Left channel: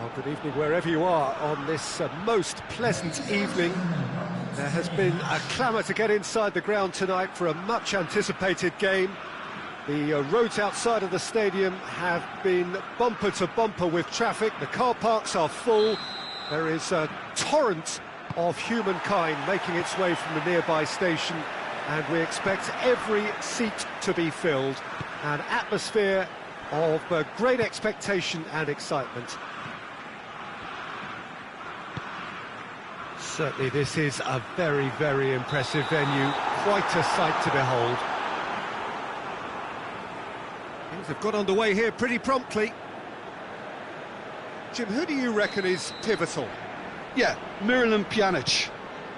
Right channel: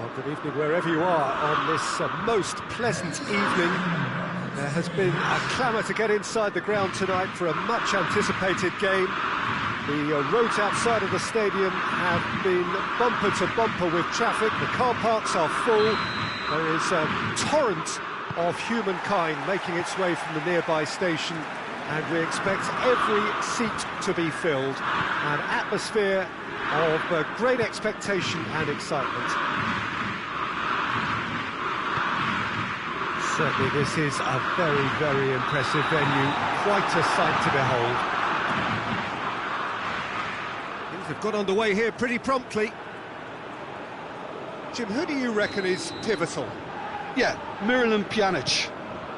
Well, good evening wherever you are on this most pleasant evening. There has been a clamour to get inside the ground tonight for a much-anticipated game. The roads outside of the stadium have been bumper to bumper with traffic. The car parks are full. There is a torrent of humankind making its way from the nearby station, and we expect every seat to be filled. An atmosphere of great expectation and excitement. Certainly this is a very, very impressive venue, quite a sight to behold. Things have got underway here pretty promptly. Jim, who do you reckon is pivotal? Yeah, Miralem Pjanic.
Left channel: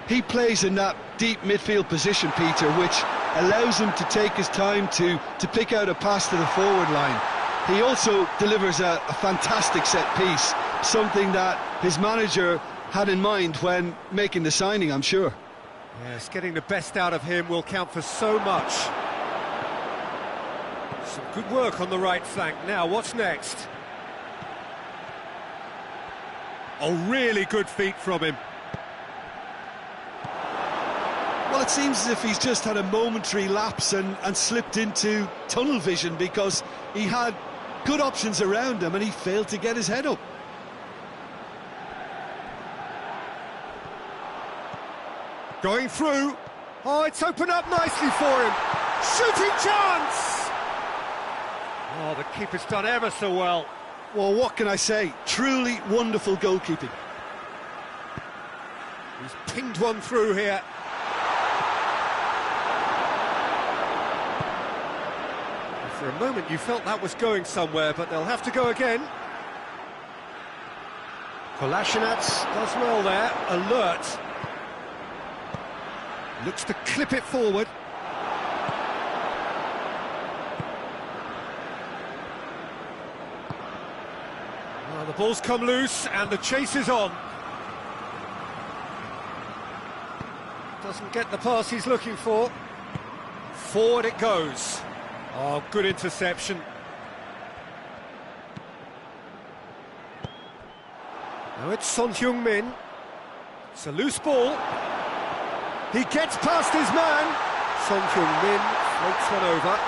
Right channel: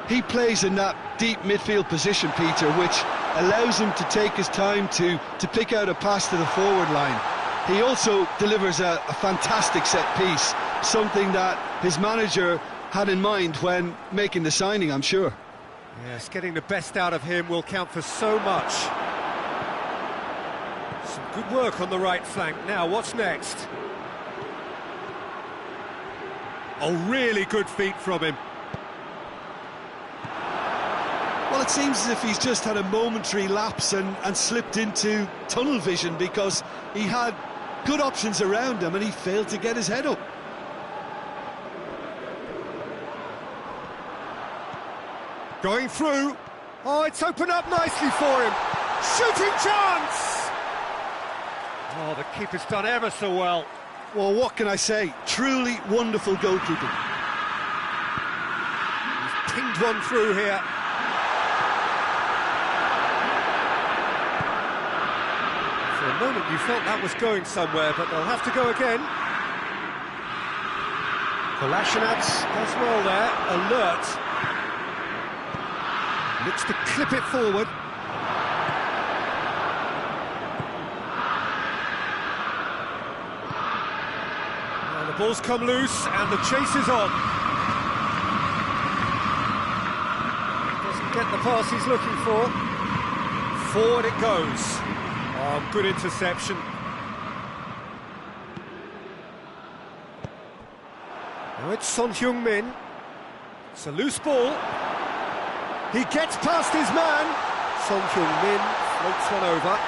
He plays in that deep midfield position, Peter, which allows him to take his time to pick out a pass to the forward line. He also delivers a fantastic set piece, something that his manager had in mind when making the signing, I'm sure. Yes, getting the best out of him will count for so much. Some good work on the right flank. Now, what's next? Oh, really good feet from him. Well, it seems as if he's just had a momentary lapse and slipped into tunnel vision, because he had good options around him and he failed to get his head up. Going through. Oh, it's opened up nicely for him. Shooting chance! Oh, the keeper's done ever so well. Well, what can I say? Truly wonderful goalkeeping. He's pinged one through here. For a moment you felt that was going somewhere, but they'll have to go again. Kolasinac does well there, alert. Looks to clip it forward. Well, the ball's come loose and the chase is on. Doesn't get the pass he's looking for. Forward it goes. Oh, good interception. Now it's Son Heung-min. It's a loose ball. He gets past his man. Son Heung-min floats one over.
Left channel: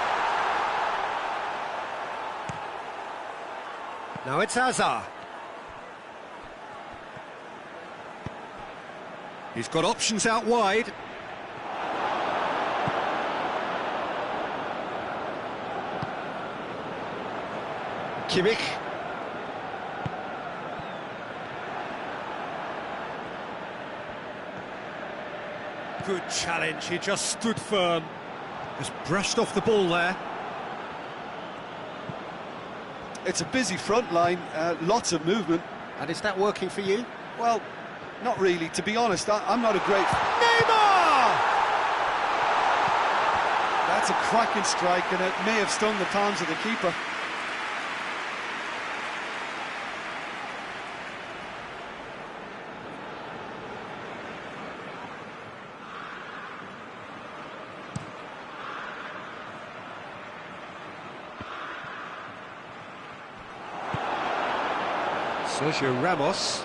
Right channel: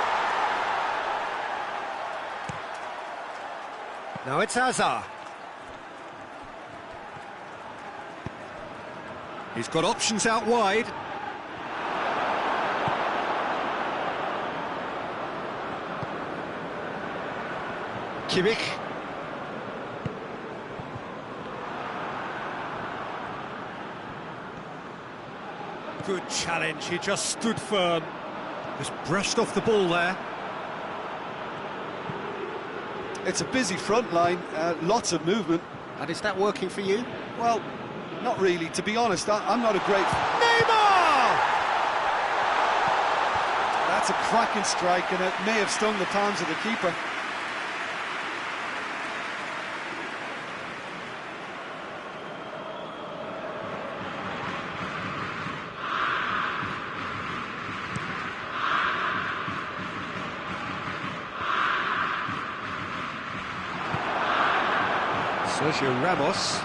Now it's Hazard. He's got options out wide. Kimmich. Good challenge, he just stood firm. Just brushed off the ball there. It's a busy front line, lots of movement. And is that working for you? Well, not really, to be honest. I'm not a great... Neymar! That's a cracking strike, and it may have stung the palms of the keeper. Sergio Ramos.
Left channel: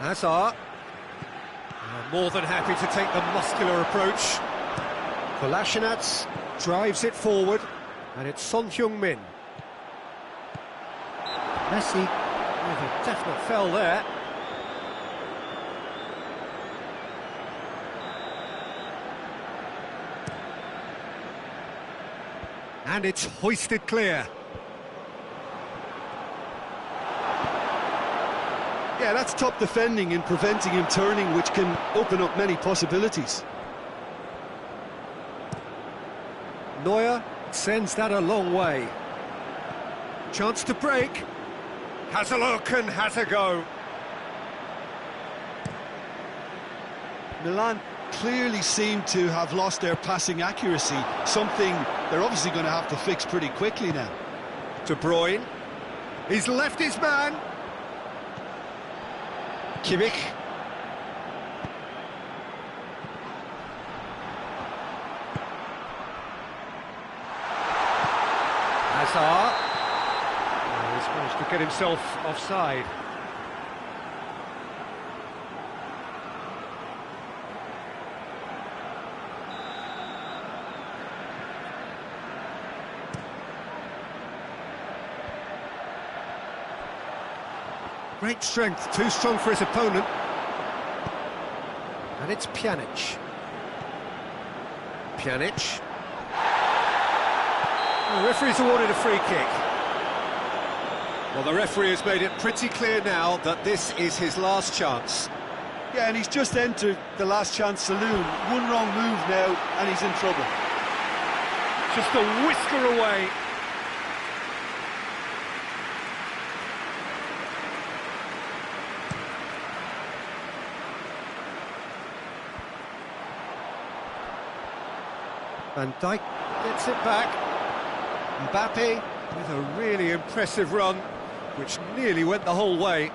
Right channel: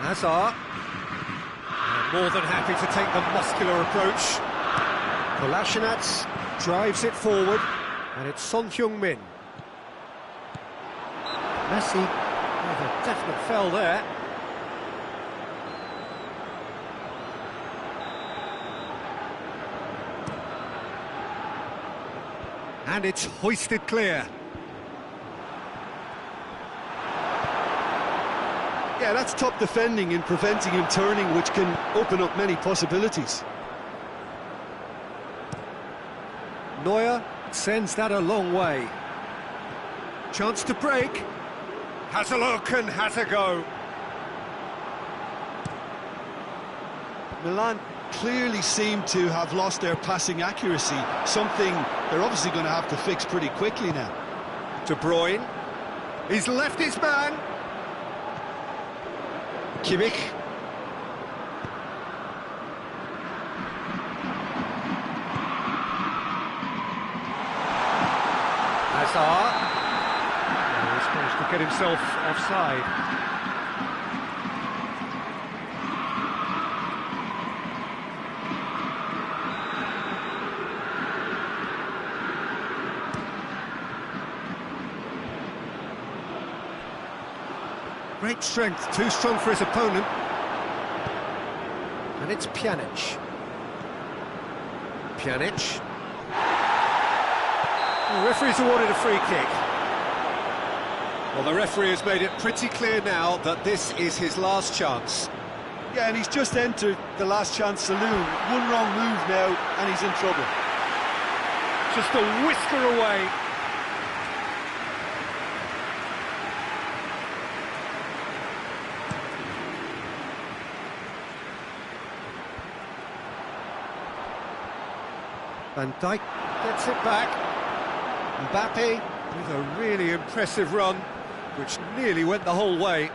Hazard. More than happy to take the muscular approach. Kolasinac drives it forward, and it's Son Heung-min. Messi with a definite foul there. And it's hoisted clear. Yeah, that's top defending in preventing him turning, which can open up many possibilities. Neuer sends that a long way. Chance to break. Has a look and has a go. Milan clearly seem to have lost their passing accuracy, something they're obviously going to have to fix pretty quickly now. De Bruyne. He's left his man. Kimmich. Hazard. He's managed to get himself offside. Great strength, too strong for his opponent. And it's Pjanic. Pjanic. The referee's awarded a free kick. Well, the referee has made it pretty clear now that this is his last chance. Yeah, and he's just entered the last chance saloon. One wrong move now, and he's in trouble. Just a whisker away. Van Dijk gets it back. Mbappe with a really impressive run, which nearly went the whole way.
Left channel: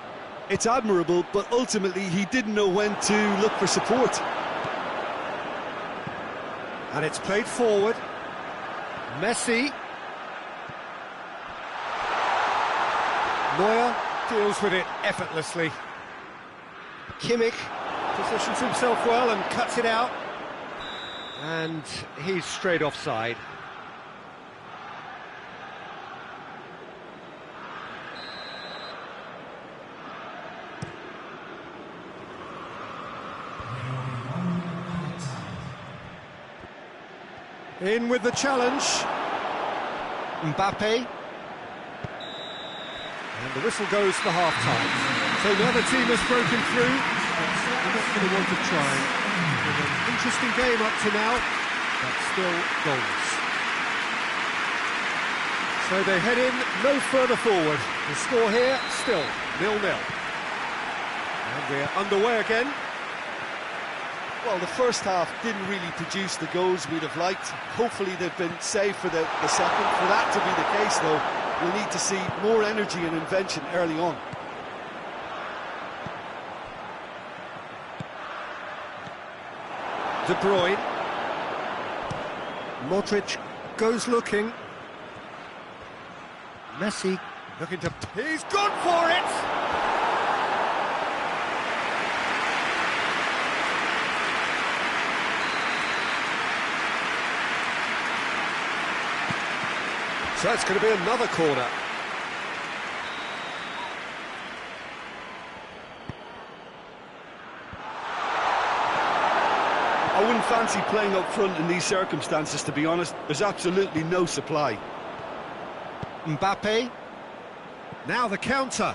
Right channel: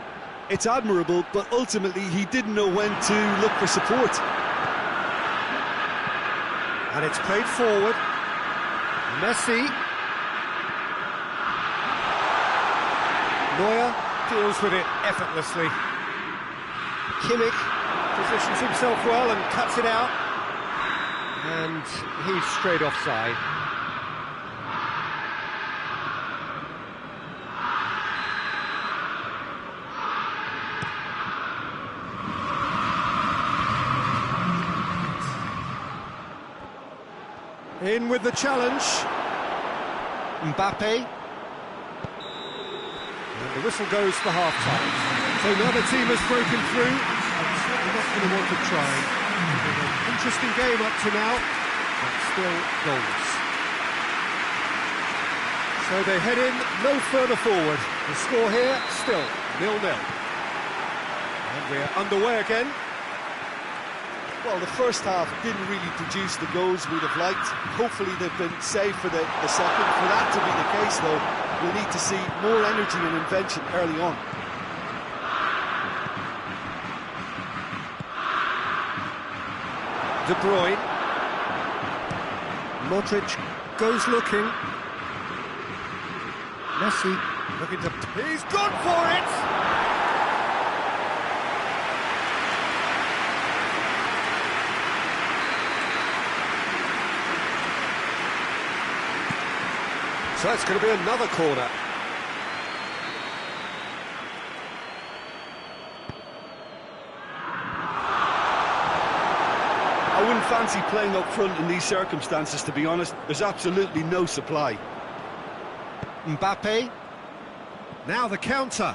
It's admirable, but ultimately he didn't know when to look for support. And it's played forward. Messi. Neuer deals with it effortlessly. Kimmich positions himself well and cuts it out. And he's straight offside. In with the challenge. Mbappe. And the whistle goes for half-time. So another team has broken through, but certainly not going to want to try. Been an interesting game up to now, but still goalless. So they head in no further forward. The score here, still 0-0. And we're underway again. Well, the first half didn't really produce the goals we'd have liked. Hopefully they've been saved for the second. For that to be the case, though, we'll need to see more energy and invention early on. De Bruyne. Modric goes looking. Messi looking to... He's gone for it! So it's going to be another corner. I wouldn't fancy playing up front in these circumstances, to be honest. There's absolutely no supply. Mbappe. Now the counter.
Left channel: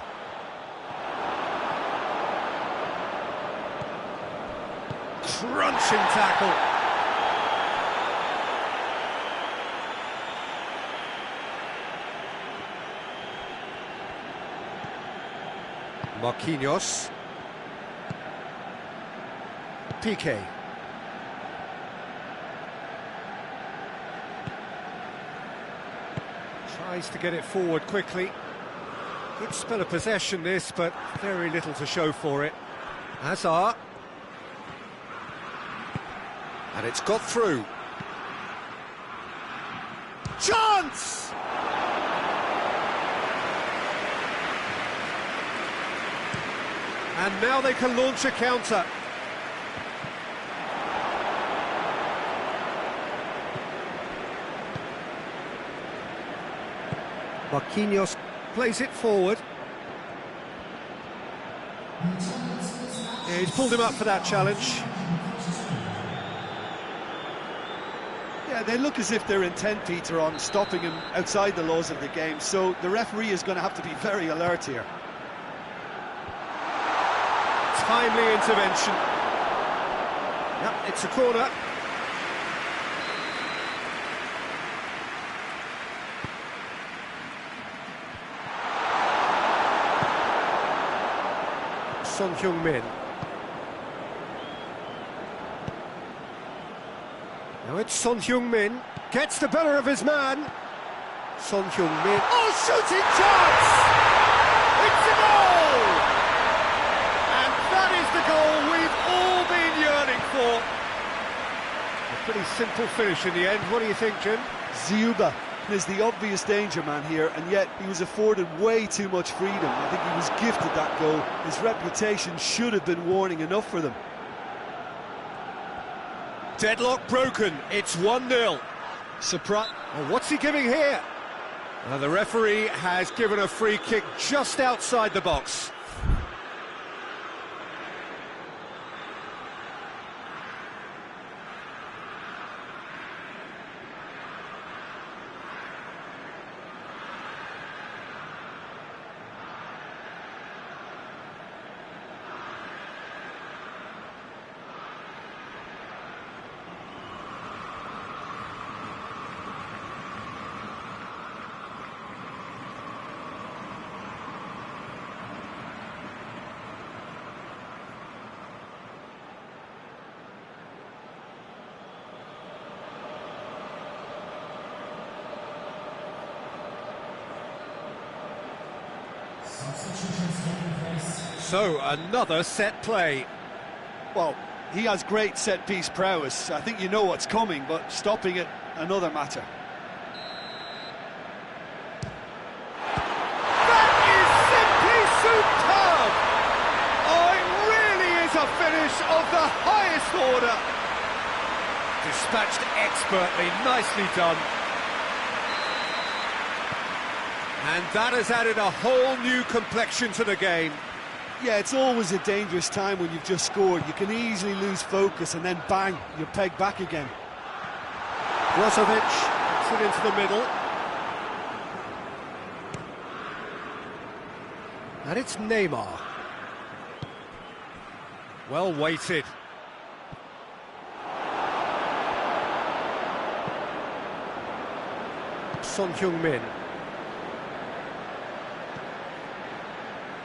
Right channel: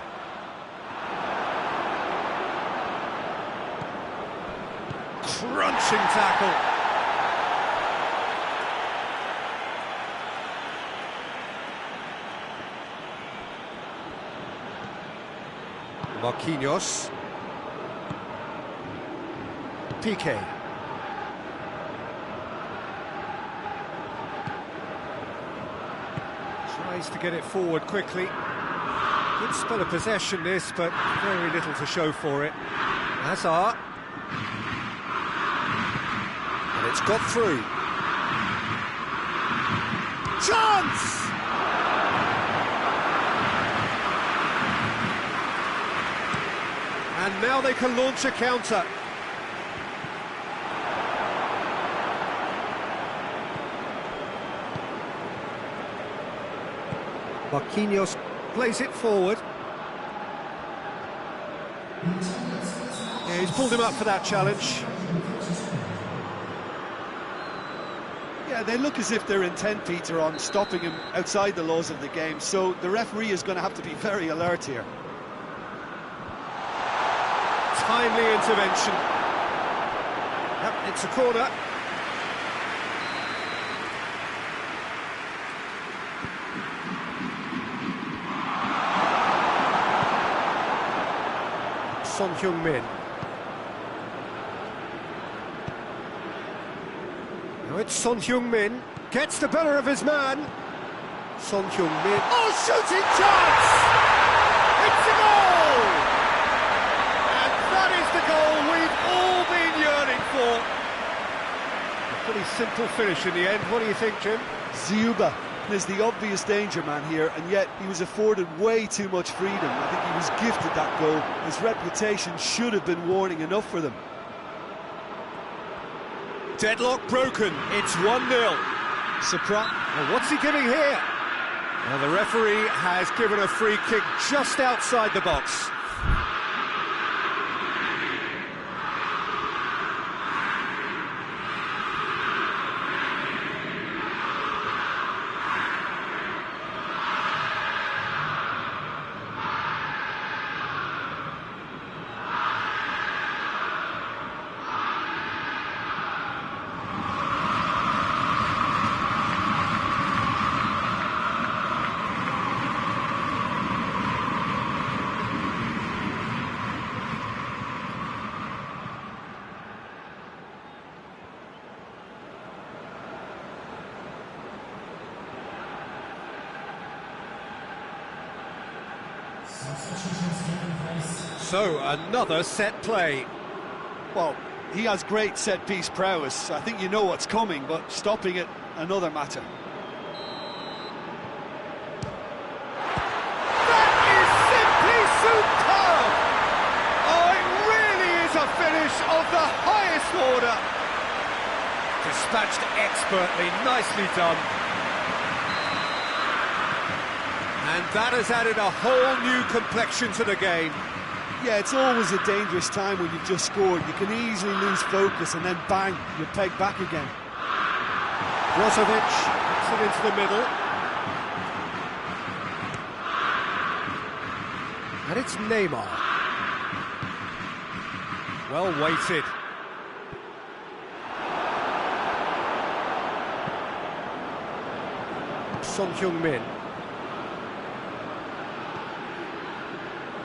Crunching tackle. Marquinhos. Piqué. Tries to get it forward quickly. Good spell of possession this, but very little to show for it. Hazard. And it's got through. Chance! And now they can launch a counter. Marquinhos plays it forward. Yeah, he's pulled him up for that challenge. Yeah, they look as if they're intent, Peter, on stopping him outside the laws of the game, so the referee is going to have to be very alert here. Timely intervention. Yep, it's a corner. Son Heung-min. Now it's Son Heung-min. Gets the better of his man. Son Heung-min. Oh, shooting chance! It's a goal! And that is the goal we've all been yearning for. A pretty simple finish in the end. What do you think, Jim? Ziuba Is the obvious danger man here, and yet he was afforded way too much freedom. I think he was gifted that goal. His reputation should have been warning enough for them. Deadlock broken, it's 1-0. Surprise. And what's he giving here? Well, the referee has given a free kick just outside the box. So, another set play. Well, he has great set-piece prowess. I think you know what's coming, but stopping it, another matter. That is simply superb! Oh, it really is a finish of the highest order. Dispatched expertly, nicely done. And that has added a whole new complexion to the game. Yeah, it's always a dangerous time when you've just scored. You can easily lose focus and then bang, you're pegged back again. Brozovic puts it into the middle. And it's Neymar. Well weighted. Son Heung-min.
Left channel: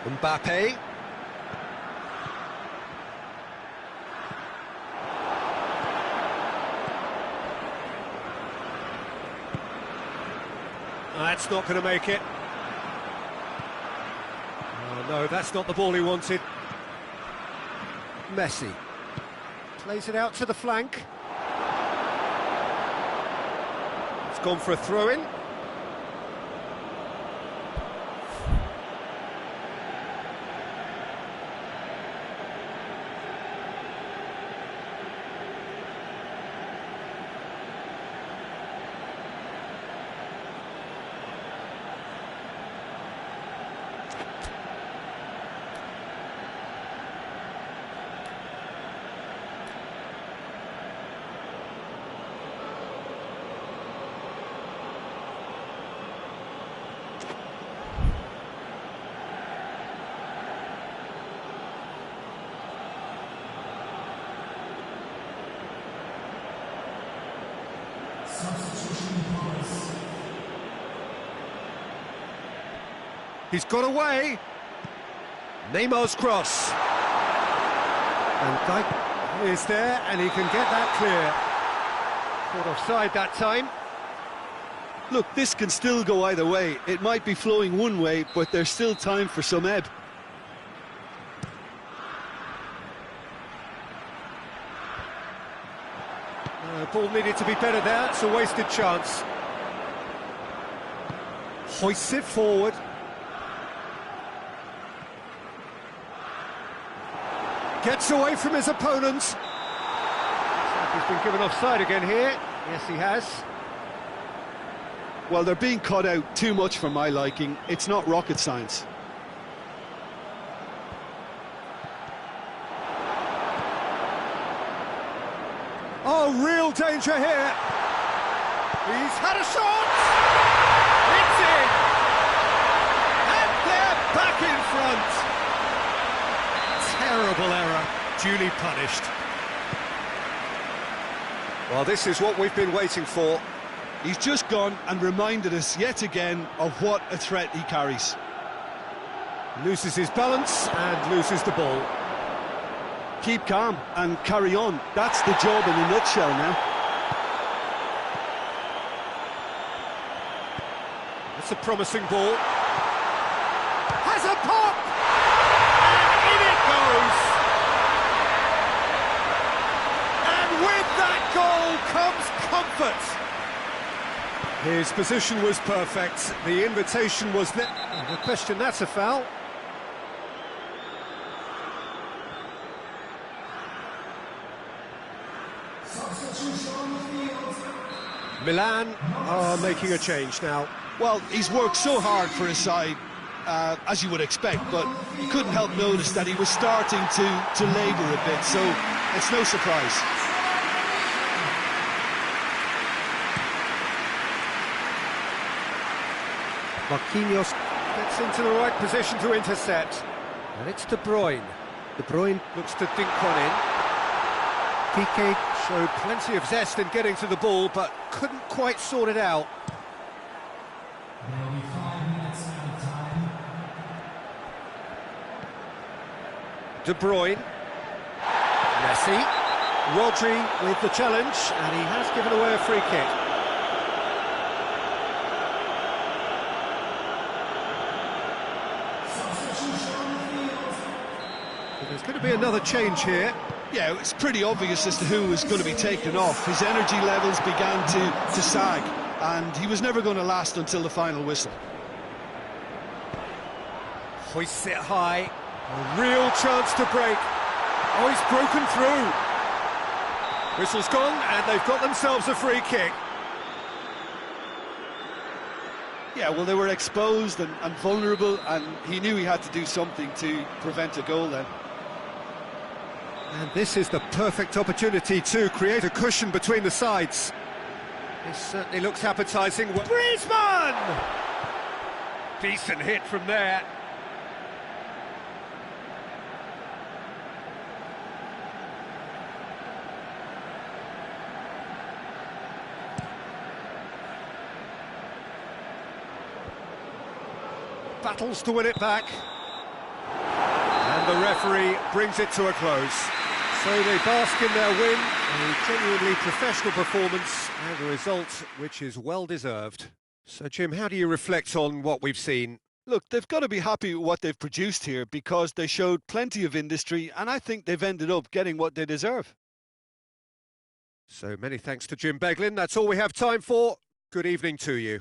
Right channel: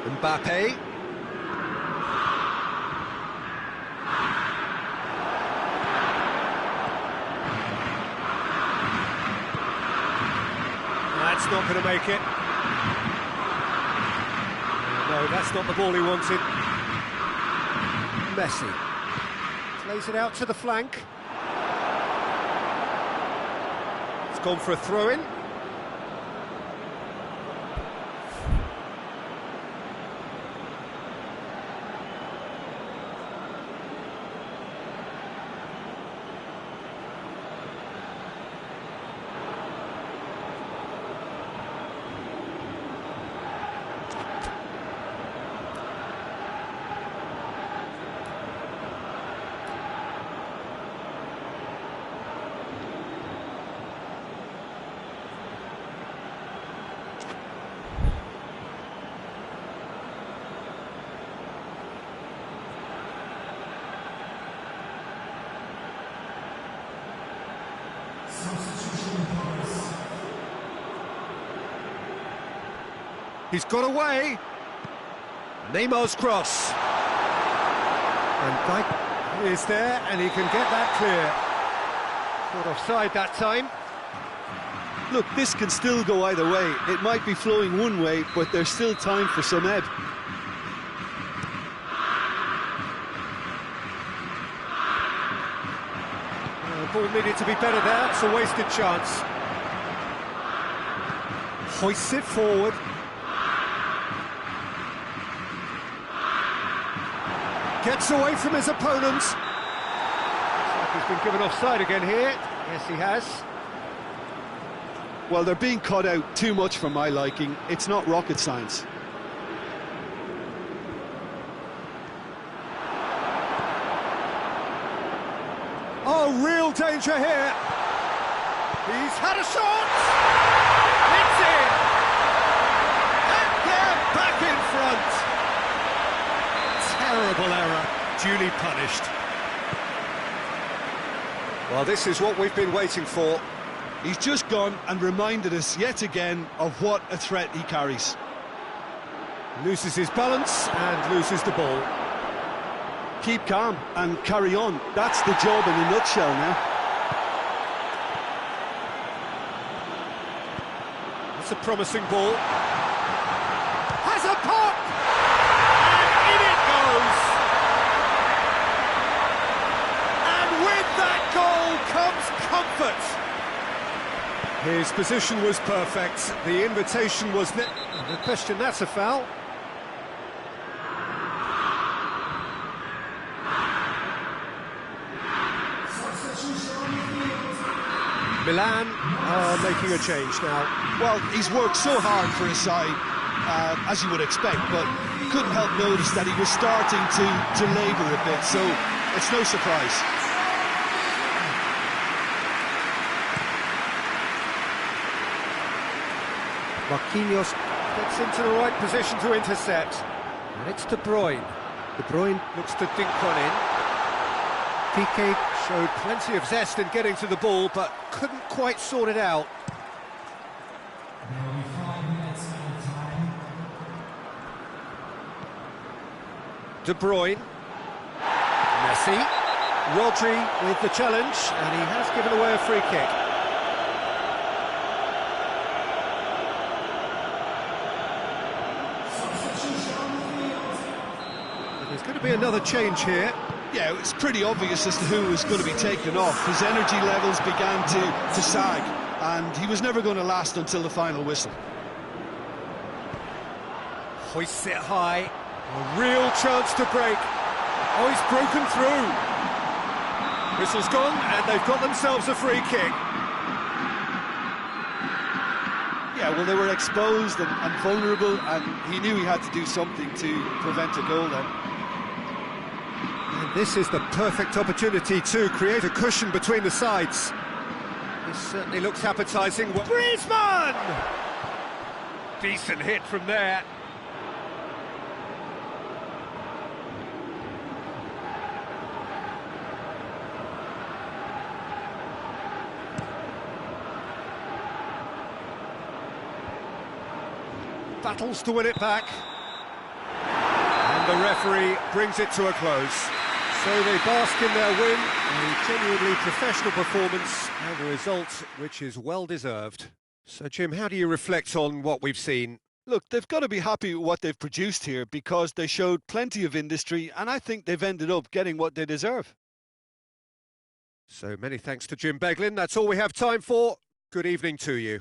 Mbappe. That's not going to make it. No, that's not the ball he wanted. Messi plays it out to the flank. It's gone for a throw-in. He's got away. Neymar's cross. And Dijk is there, and he can get that clear. Caught offside that time. Look, this can still go either way. It might be flowing one way, but there's still time for some ebb. Ball needed to be better there. It's a wasted chance. Hoists it forward. Gets away from his opponent. Looks like he's been given offside again here. Yes, he has. Well, they're being cut out too much for my liking. It's not rocket science. Oh, real danger here. He's had a shot. It's in. And they're back in front. Terrible error, duly punished. Well, this is what we've been waiting for. He's just gone and reminded us yet again of what a threat he carries. Loses his balance and loses the ball. Keep calm and carry on. That's the job in a nutshell now. That's a promising ball. Has a pop! And in it goes! And with that goal comes comfort. His position was perfect. The invitation was there. No question, that's a foul. Milan are making a change now. Well, he's worked so hard for his side, as you would expect, but you couldn't help notice that he was starting to labour a bit, so it's no surprise. Marquinhos gets into the right position to intercept. And it's De Bruyne. De Bruyne looks to dink one in. Piqué showed plenty of zest in getting to the ball, but couldn't quite sort it out. De Bruyne. Messi. Rodri with the challenge, and he has given away a free kick. So there's going to be another change here. Yeah, it's pretty obvious as to who was going to be taken off. His energy levels began to sag, and he was never going to last until the final whistle. Hoists it high. A real chance to break. Oh, he's broken through. Whistle's gone, and they've got themselves a free kick. Yeah, well, they were exposed and vulnerable, and he knew he had to do something to prevent a goal then. And this is the perfect opportunity to create a cushion between the sides. This certainly looks appetising. Griezmann! Decent hit from there. Battles to win it back. And the referee brings it to a close. So they bask in their win, a genuinely professional performance and a result which is well deserved. So Jim, how do you reflect on what we've seen? Look, they've got to be happy with what they've produced here because they showed plenty of industry, and I think they've ended up getting what they deserve. So many thanks to Jim Beglin. That's all we have time for. Good evening to you.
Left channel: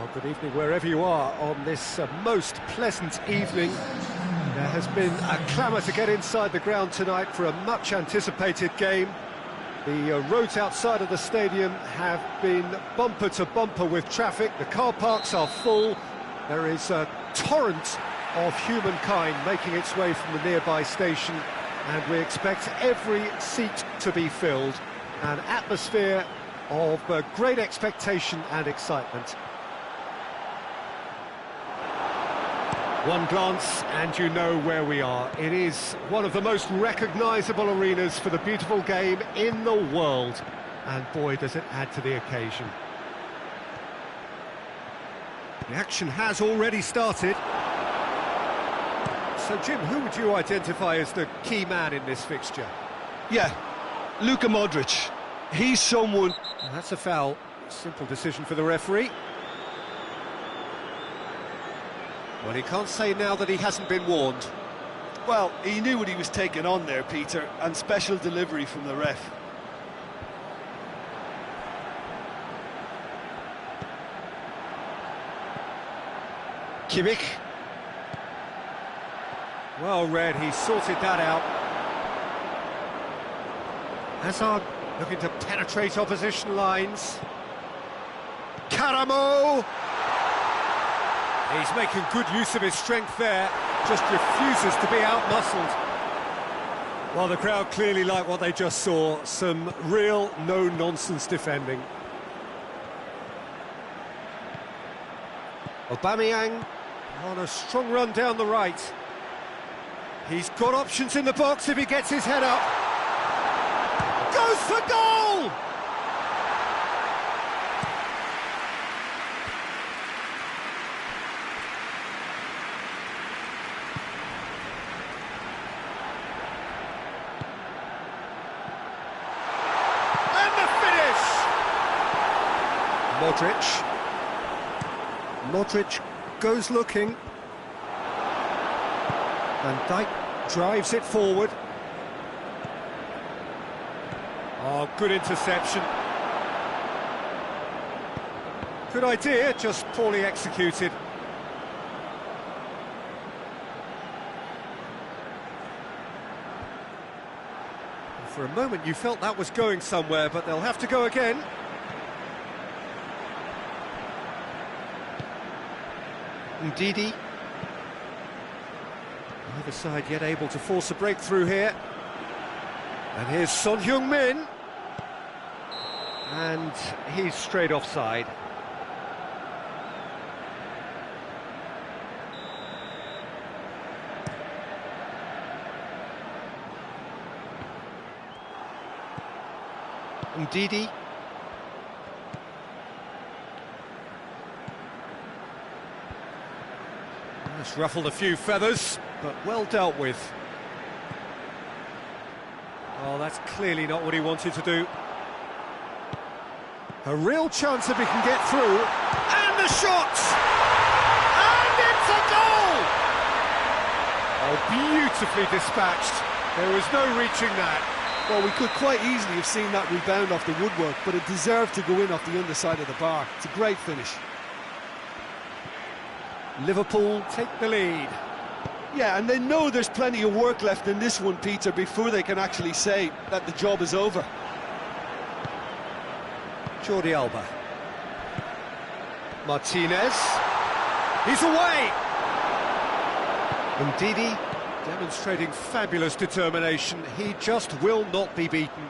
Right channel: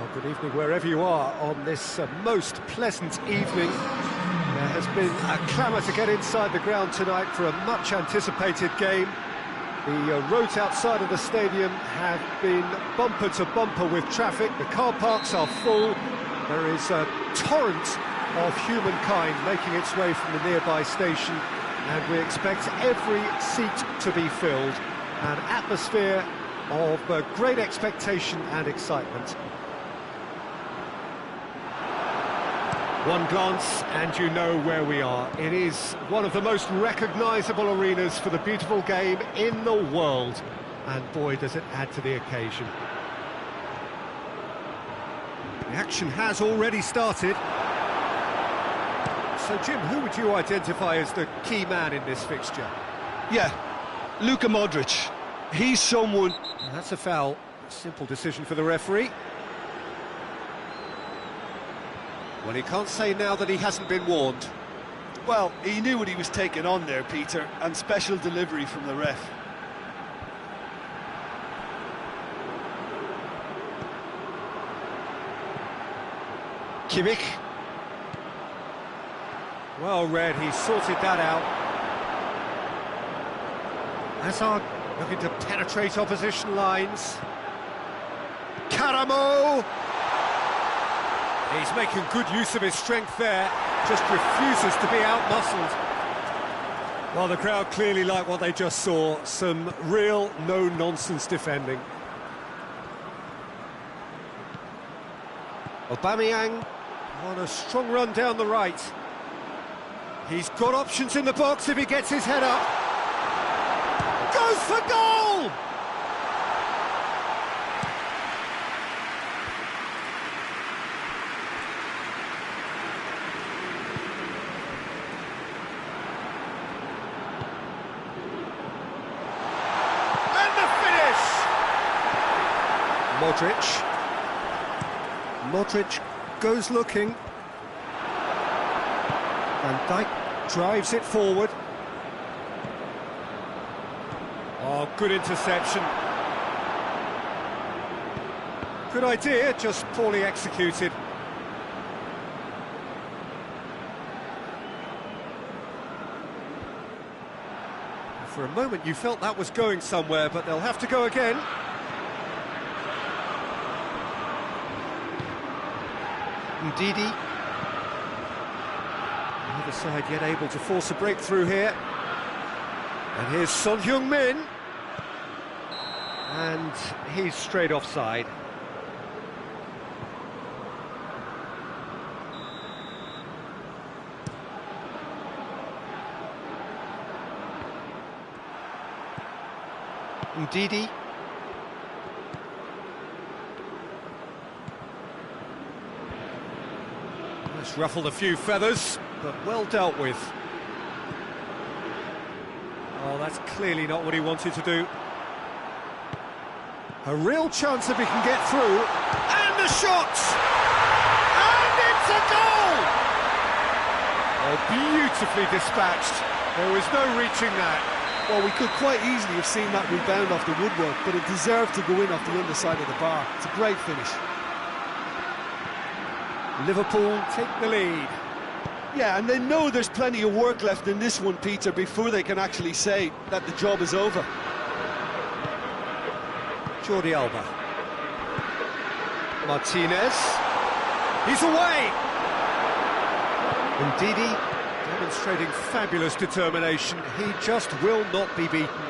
Well, good evening wherever you are on this most pleasant evening. There has been a clamour to get inside the ground tonight for a much anticipated game. The roads outside of the stadium have been bumper to bumper with traffic. The car parks are full. There is a torrent of humankind making its way from the nearby station, and we expect every seat to be filled. An atmosphere of great expectation and excitement. One glance and you know where we are. It is one of the most recognisable arenas for the beautiful game in the world. And boy, does it add to the occasion. The action has already started. So Jim, who would you identify as the key man in this fixture? Yeah, Luka Modric. He's someone... That's a foul. Simple decision for the referee. Well, he can't say now that he hasn't been warned. Well, he knew what he was taking on there, Peter, and special delivery from the ref. Kimmich. Well read, he sorted that out. Hazard looking to penetrate opposition lines. Karamo! He's making good use of his strength there, just refuses to be outmuscled. Well, the crowd clearly like what they just saw, some real no-nonsense defending. Aubameyang on a strong run down the right. He's got options in the box if he gets his head up. Goes for goal! Modric. Modric goes looking. Van Dijk drives it forward. Oh, good interception. Good idea, just poorly executed. For a moment you felt that was going somewhere, but they'll have to go again. Ndidi. Neither side yet able to force a breakthrough here. And here's Son Heung-min. And he's straight offside. Ndidi. That's ruffled a few feathers, but well dealt with. Oh, that's clearly not what he wanted to do. A real chance if he can get through. And the shot! And it's a goal! Oh, beautifully dispatched. There was no reaching that. Well, we could quite easily have seen that rebound off the woodwork, but it deserved to go in off the underside of the bar. It's a great finish. Liverpool take the lead. Yeah, and they know there's plenty of work left in this one, Peter, before they can actually say that the job is over. Jordi Alba. Martinez. He's away! Ndidi demonstrating fabulous determination. He just will not be beaten.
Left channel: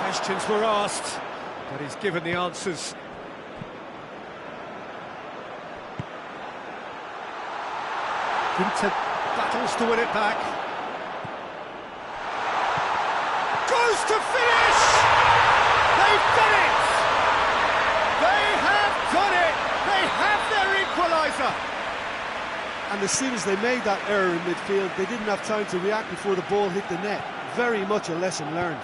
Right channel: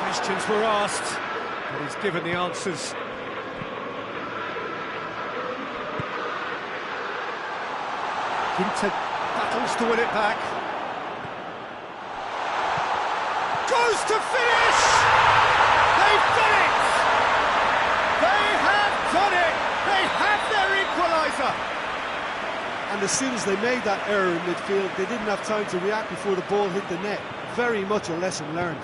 Questions were asked, but he's given the answers. Inter battles to win it back. Goes to finish! They've done it! They have done it! They have their equaliser! And as soon as they made that error in midfield, they didn't have time to react before the ball hit the net. Very much a lesson learned.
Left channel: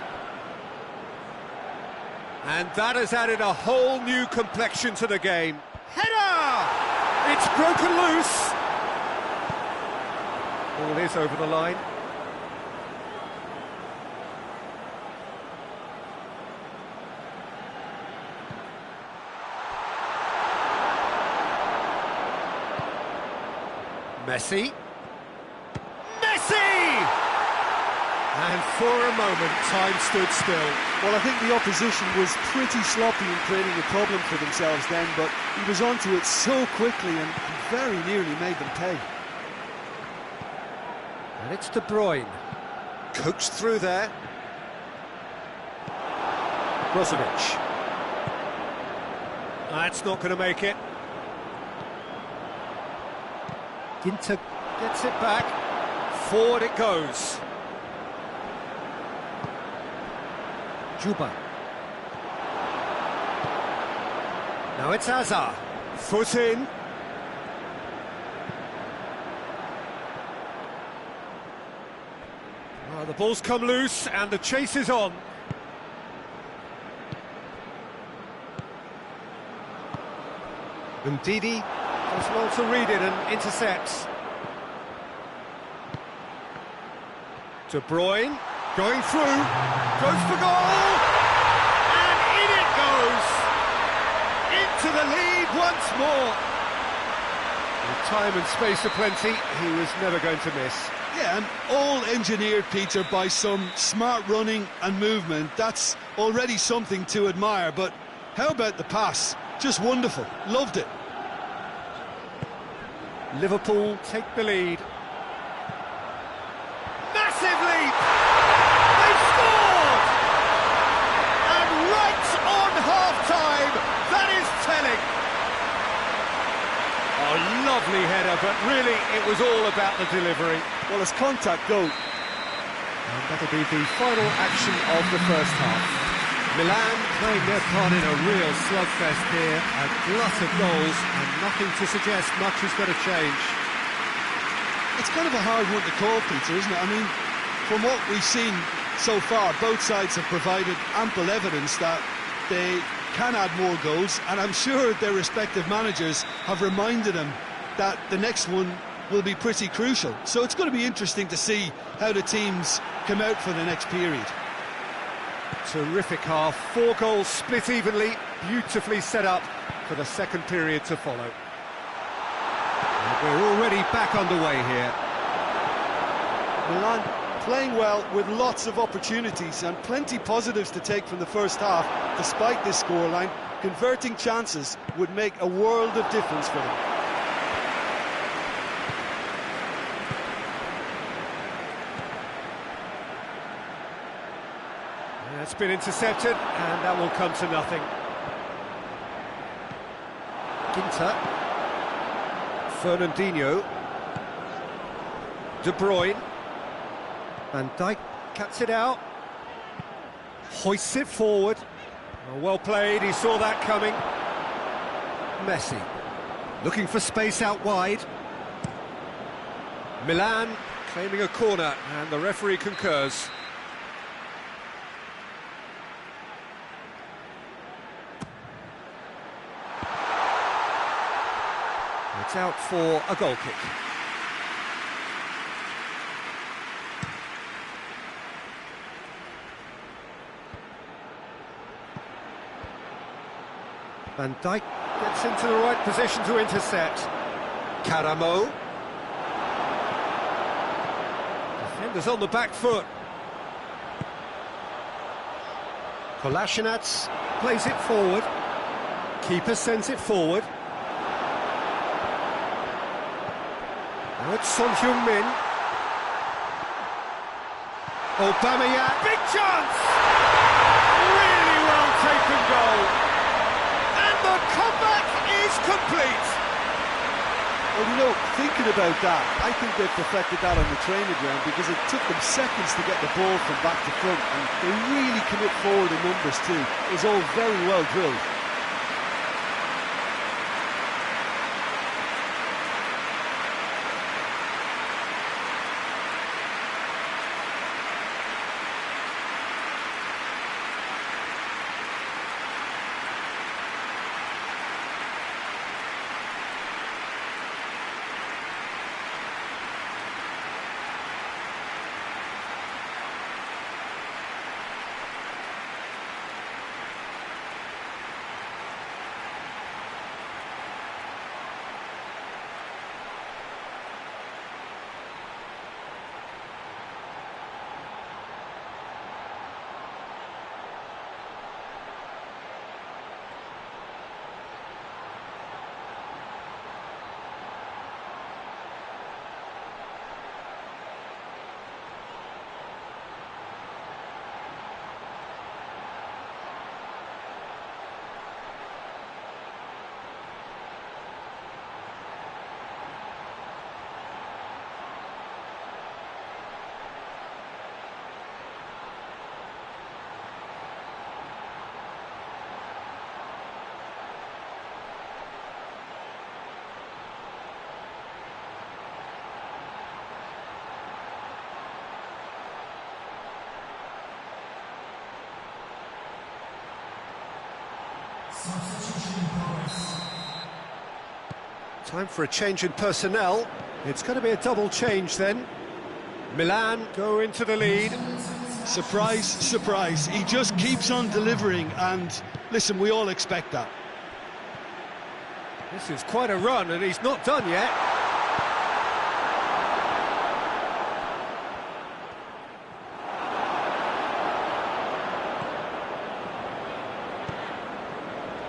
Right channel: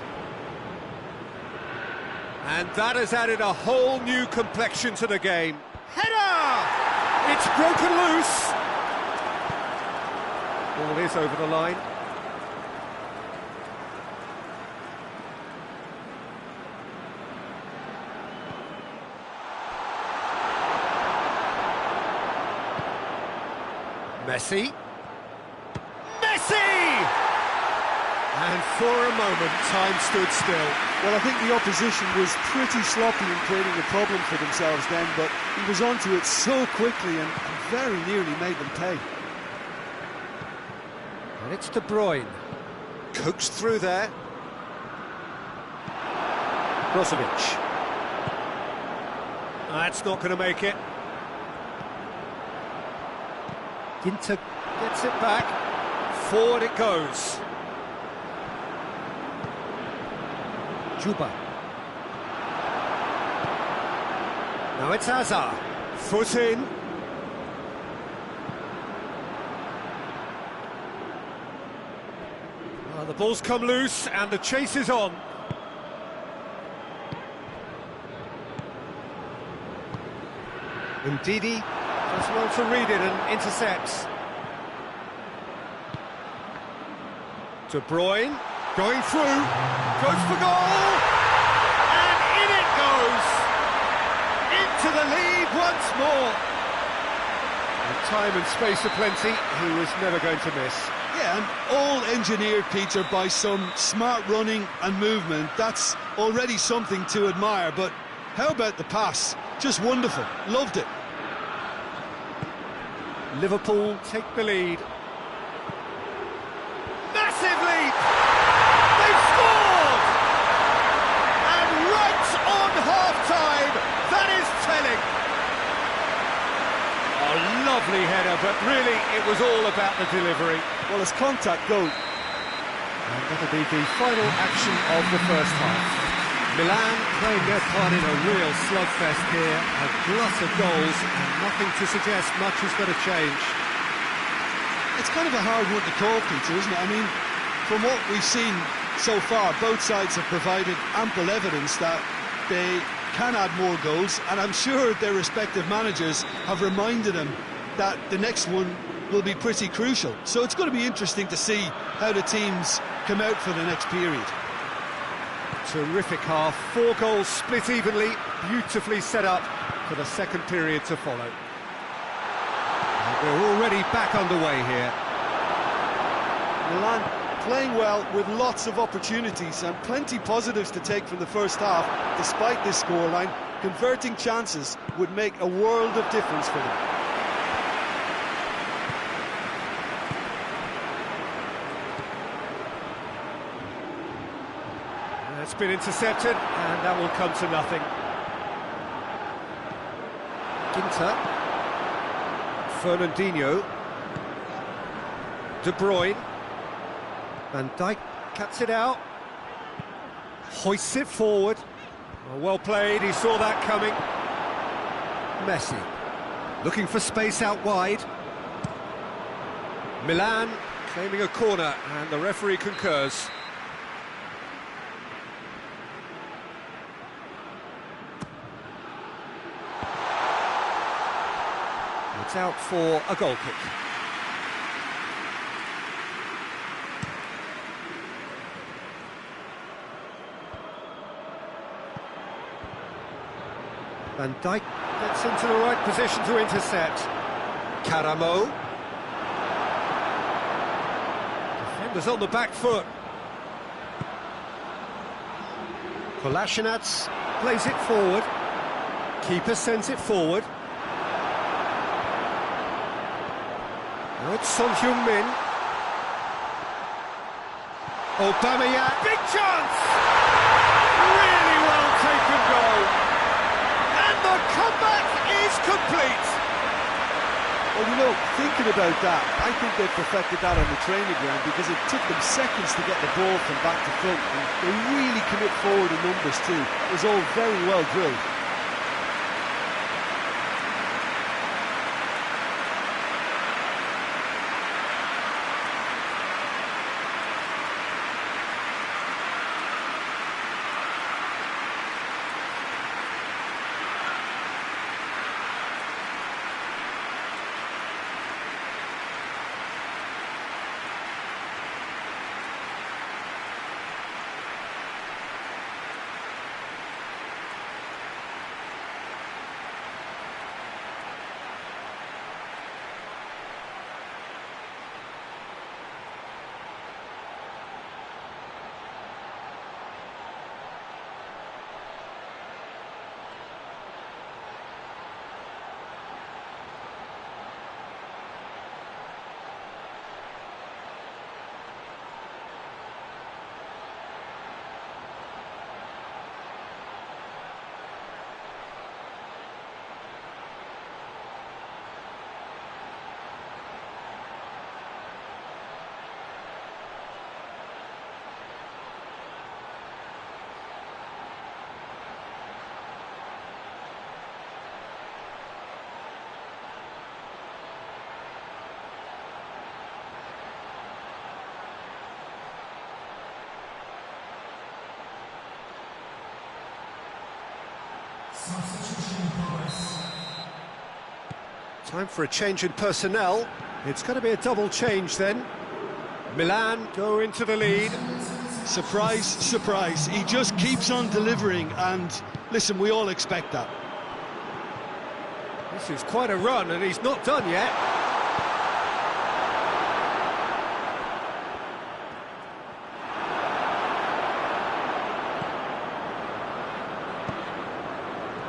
And that has added a whole new complexion to the game. Header! It's broken loose. Ball is over the line. Messi. Messi! And for a moment, time stood still. Well, I think the opposition was pretty sloppy in creating a problem for themselves then, but he was onto it so quickly and very nearly made them pay. And it's De Bruyne. Coaxed through there. Brozovic. That's not going to make it. Ginter gets it back. Forward it goes. Juba. Now it's Hazard. Foot in. Well, the ball's come loose and the chase is on. Ndidi does well to read it and intercepts. De Bruyne going through, goes for goal, and in it goes, into the lead once more. With time and space aplenty, he was never going to miss. Yeah, and all engineered, Peter, by some smart running and movement. That's already something to admire, but how about the pass? Just wonderful, loved it. Liverpool take the lead. Massive leap! They've scored! And right on half-time, that is telling. A lovely header, but really it was all about the delivery. Well, as contact go. And that'll be the final action of the first half. Milan playing their part in a real slugfest here, a glut of goals, and nothing to suggest much is going to change. It's kind of a hard one to call, Peter, isn't it? I mean, from what we've seen so far, both sides have provided ample evidence that they can add more goals, and I'm sure their respective managers have reminded them that the next one will be pretty crucial. So it's going to be interesting to see how the teams come out for the next period. Terrific half, 4 goals split evenly, beautifully set up for the second period to follow. And we're already back underway here. Milan playing well with lots of opportunities and plenty positives to take from the first half. Despite this scoreline, converting chances would make a world of difference for them. That's been intercepted, and that will come to nothing. Ginter. Fernandinho. De Bruyne. Van Dijk cuts it out. Hoists it forward. Well played, he saw that coming. Messi. Looking for space out wide. Milan claiming a corner, and the referee concurs. It's out for a goal kick. Van Dijk gets into the right position to intercept. Karamo. Defenders on the back foot. Kolasinac plays it forward. Keeper sends it forward. Now it's Son Heung-min. Aubameyang, big chance! Really well taken goal. And the comeback is complete. Well, you know, thinking about that, I think they perfected that on the training ground because it took them seconds to get the ball from back to front, and they really commit forward in numbers too. It was all very well drilled. Time for a change in personnel. It's going to be a double change then. Milan go into the lead. Surprise, surprise. He just keeps on delivering, and listen, we all expect that. This is quite a run, and he's not done yet.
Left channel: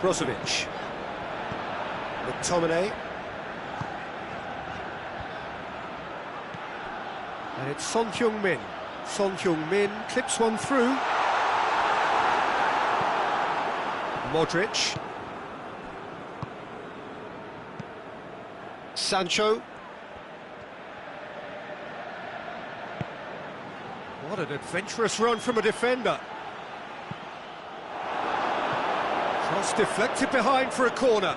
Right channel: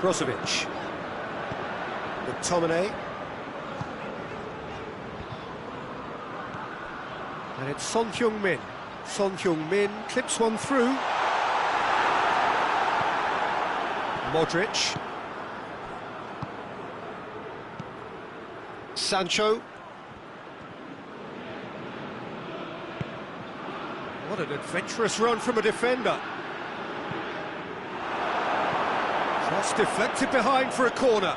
Brozovic. McTominay. And it's Son Heung-min. Son Heung-min clips one through. Modric. Sancho. What an adventurous run from a defender. Cross deflected behind for a corner.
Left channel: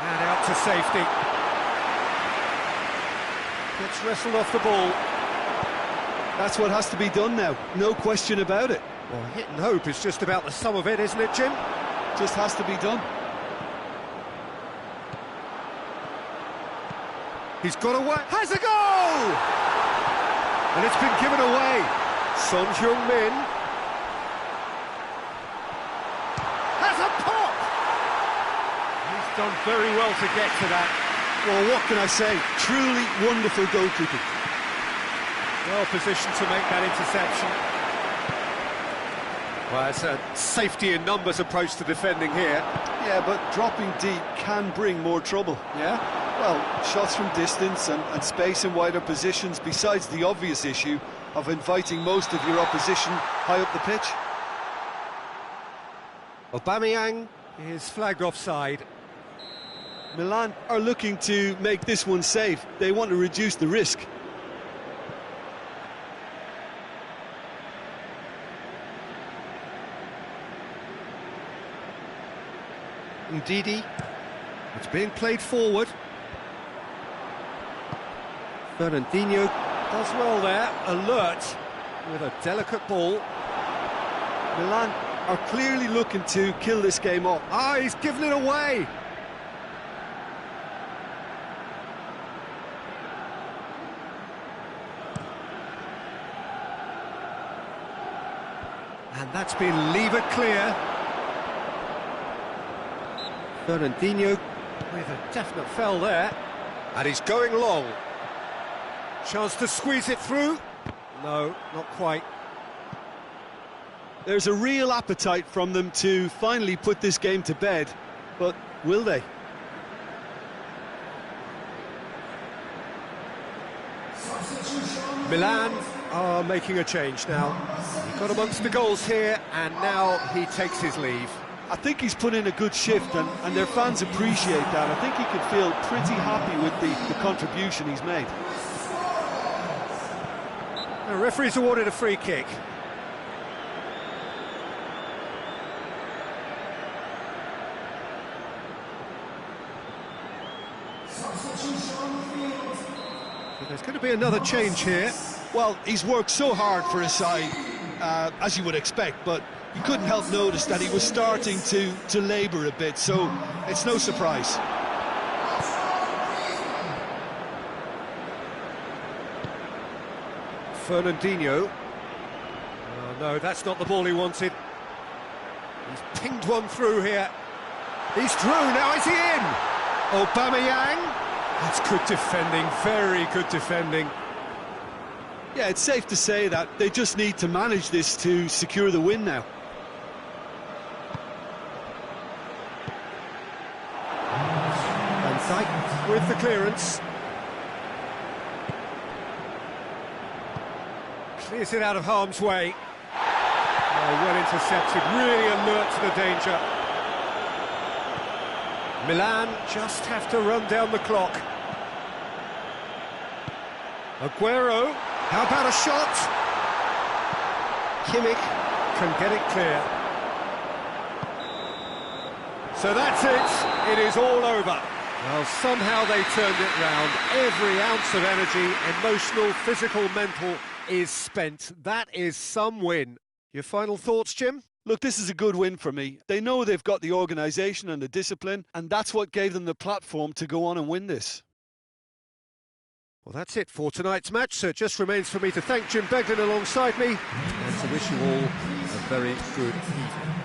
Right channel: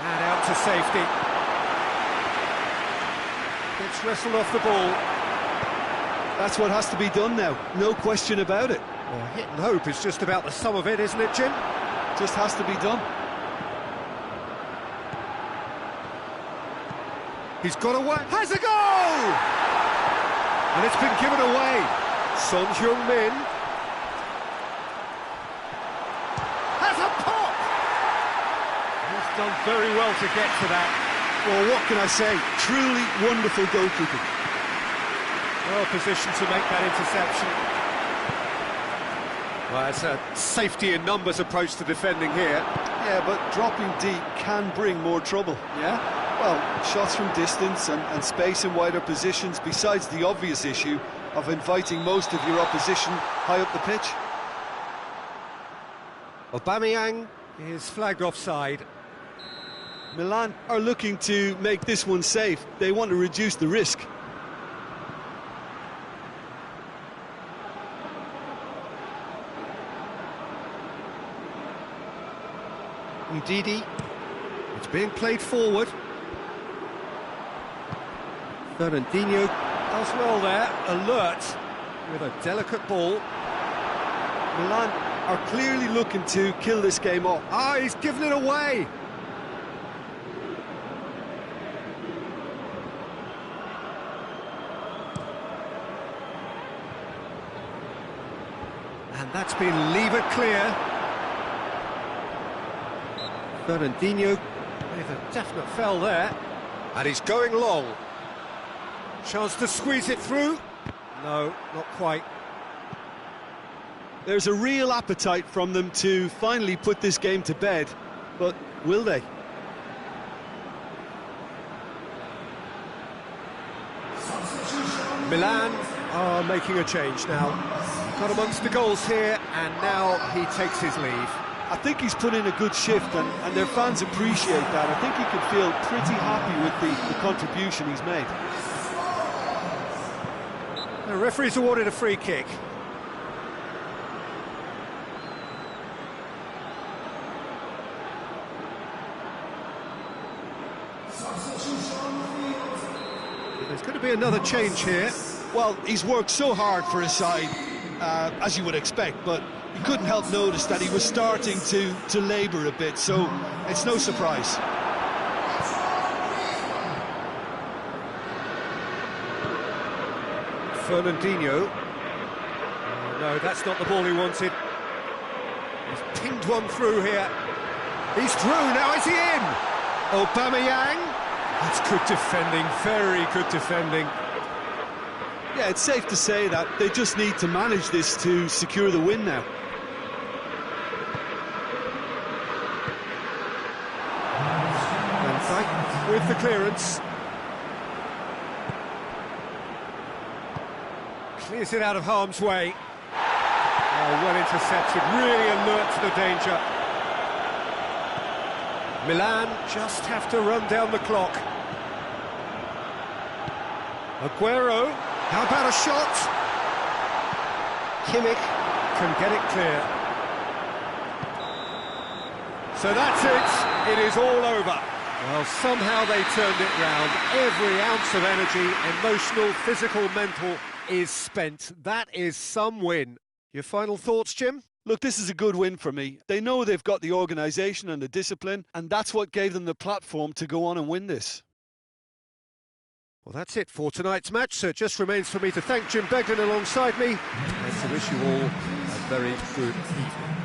And out to safety. Gets wrestled off the ball. That's what has to be done now, no question about it. Well, hit and hope is just about the sum of it, isn't it, Jim? Just has to be done. He's got away. Has a goal! And it's been given away. Son Heung-min has a pop! He's done very well to get to that. Well, what can I say? Truly wonderful goalkeeping. Well positioned to make that interception. Well, it's a safety in numbers approach to defending here. Yeah, but dropping deep can bring more trouble. Yeah? Well, shots from distance and space in wider positions, besides the obvious issue of inviting most of your opposition high up the pitch. Aubameyang is flagged offside. Milan are looking to make this one safe. They want to reduce the risk. Ndidi. It's being played forward. Fernandinho does well there, alert with a delicate ball. Milan are clearly looking to kill this game off. Ah, he's given it away. And that's been levered clear. Fernandinho with a definite foul there. And he's going long. Chance to squeeze it through. No, not quite. There's a real appetite from them to finally put this game to bed, but will they? Milan are making a change now. He got amongst the goals here, and now he takes his leave. I think he's put in a good shift, and their fans appreciate that. I think he can feel pretty happy with the contribution he's made. The referee's awarded a free kick. There's going to be another change here. Well, he's worked so hard for his side, as you would expect, but you couldn't help notice that he was starting to labour a bit, so it's no surprise. Fernandinho. Oh, no, that's not the ball he wanted. He's pinged one through here. He's through, now is he in? Aubameyang. That's good defending, very good defending. Yeah, it's safe to say that they just need to manage this to secure the win now. Van Dijk with the clearance. Clears it out of harm's way. Oh, well intercepted, really alert to the danger. Milan just have to run down the clock. Aguero, how about a shot? Kimmich can get it clear. So that's it, it is all over. Well, somehow they turned it round. Every ounce of energy, emotional, physical, mental, is spent. That is some win. Your final thoughts, Jim? Look, this is a good win for me. They know they've got the organisation and the discipline, and that's what gave them the platform to go on and win this. Well, that's it for tonight's match, so it just remains for me to thank Jim Beglin alongside me and to wish you all a very good evening.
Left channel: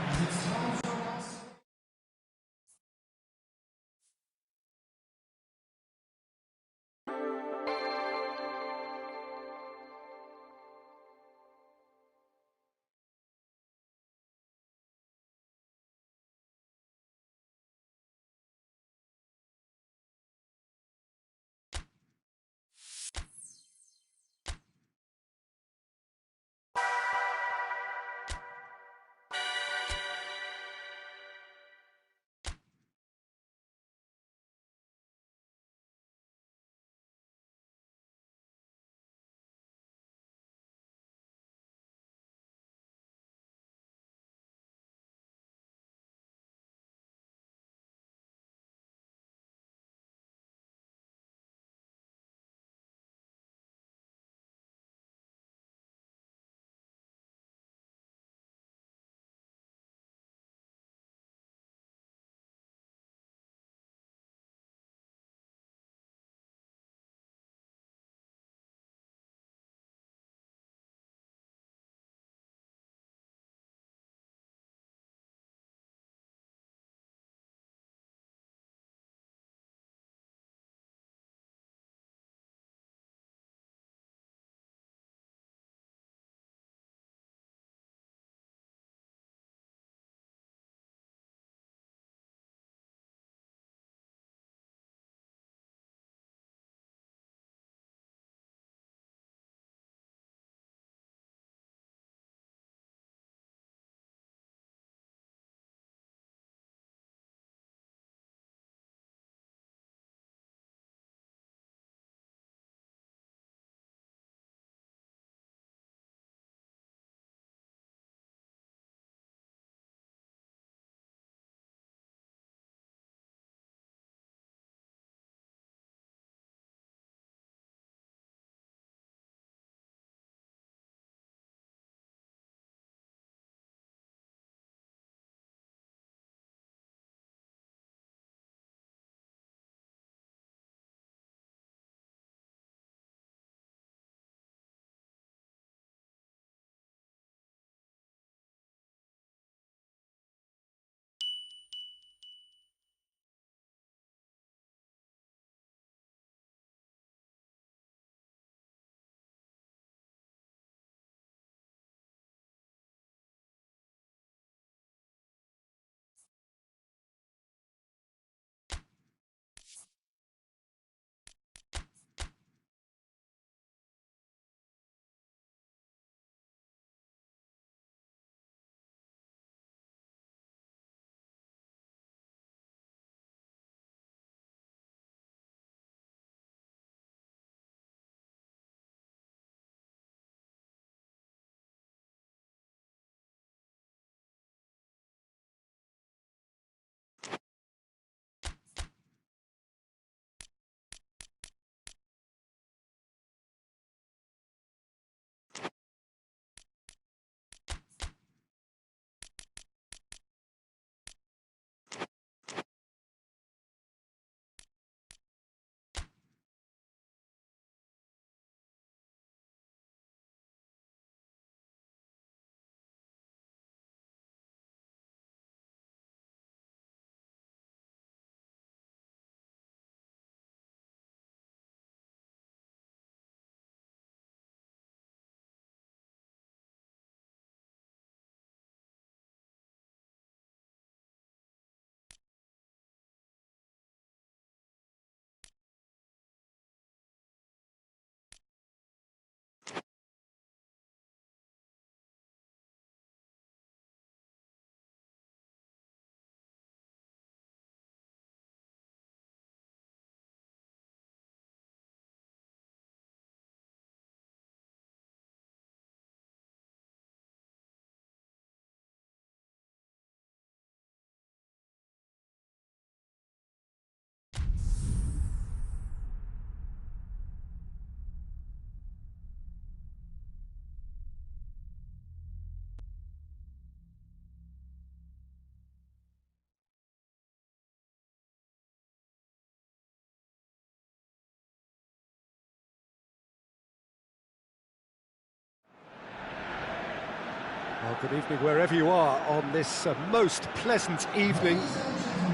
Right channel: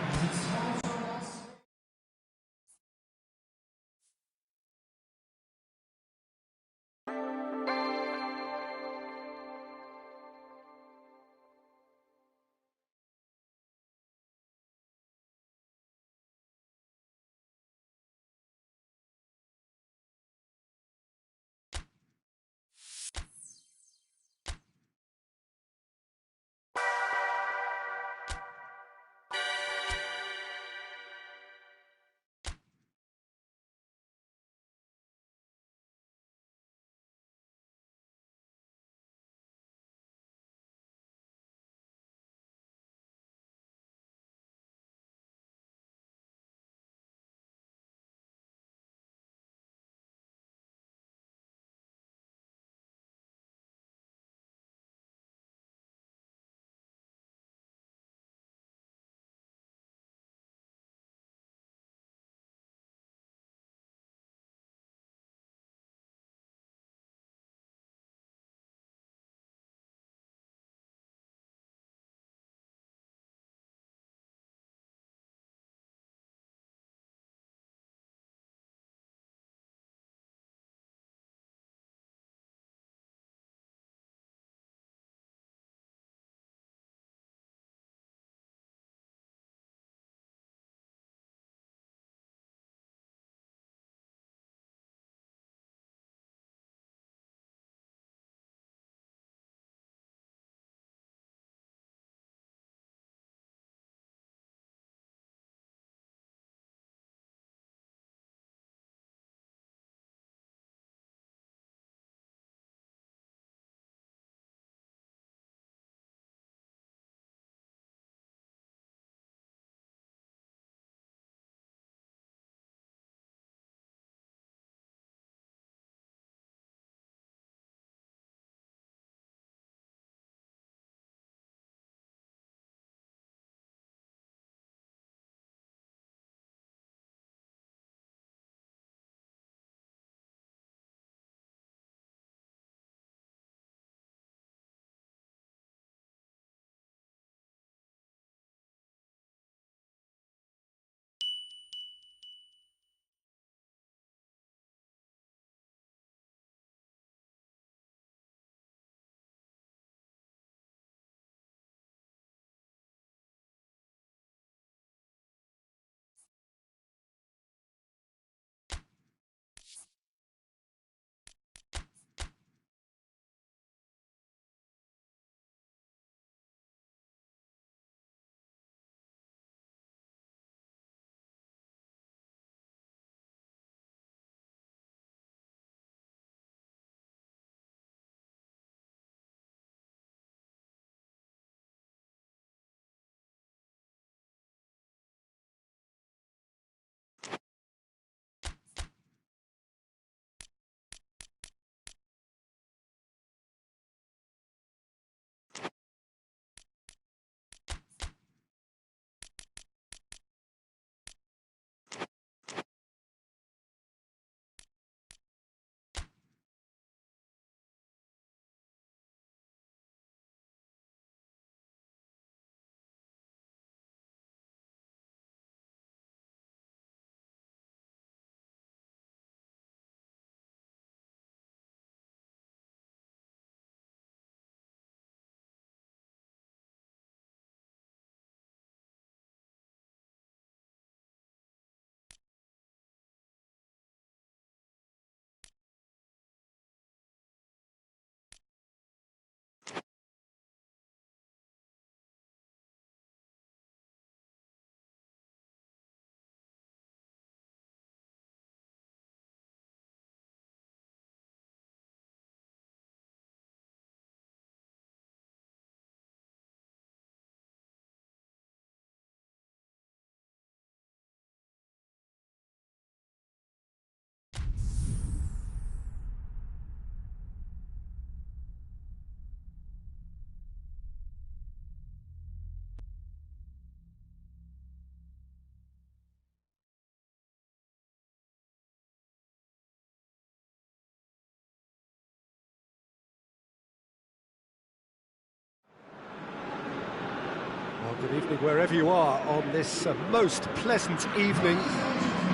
Well, good evening wherever you are on this most pleasant evening.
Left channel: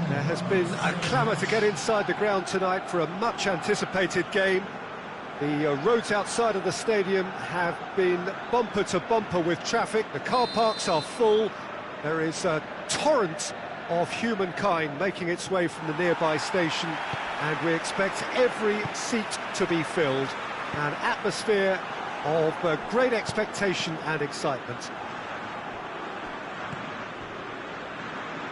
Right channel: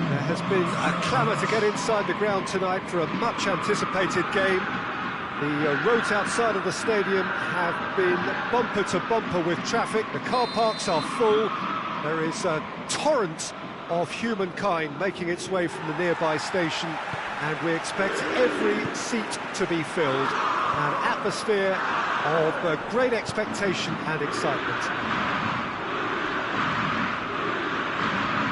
There has been a clamour to get inside the ground tonight for a much-anticipated game. The roads outside of the stadium have been bumper to bumper with traffic. The car parks are full. There is a torrent of humankind making its way from the nearby station, and we expect every seat to be filled. An atmosphere of great expectation and excitement.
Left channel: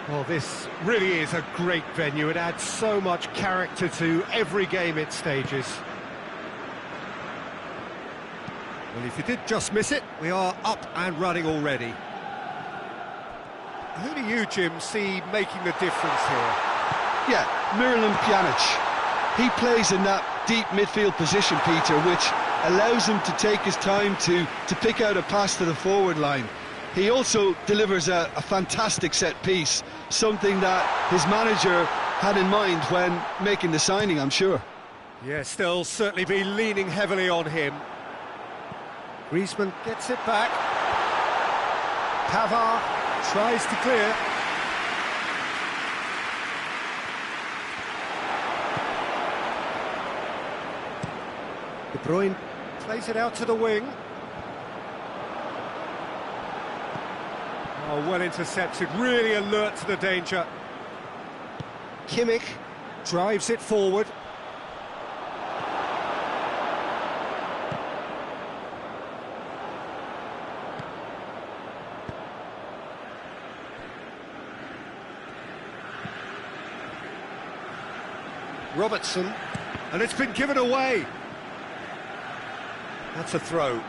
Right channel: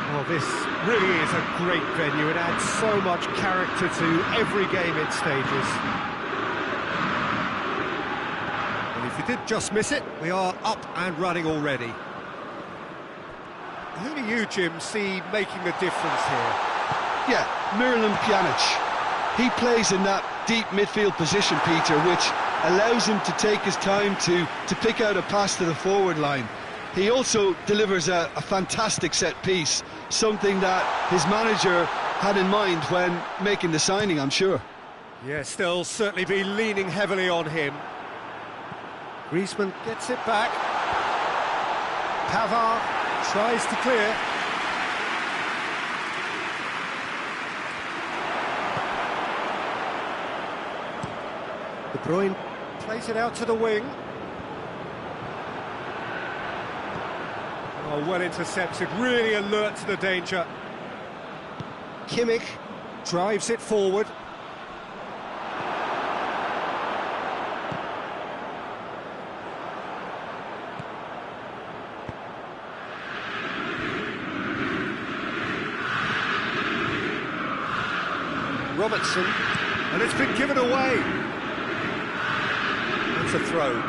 Well, this really is a great venue. It adds so much character to every game it stages. Well, if you did just miss it, we are up and running already. Who do you, Jim, see making the difference here? Yeah, Miralem Pjanic. He plays in that deep midfield position, Peter, which allows him to take his time to pick out a pass to the forward line. He also delivers a fantastic set piece, something that his manager had in mind when making the signing, I'm sure. Yes, they'll certainly be leaning heavily on him. Griezmann gets it back. Pavard tries to clear. De Bruyne plays it out to the wing. Oh, well intercepted, really alert to the danger. Kimmich drives it forward. Robertson, and it's been given away. That's a throw.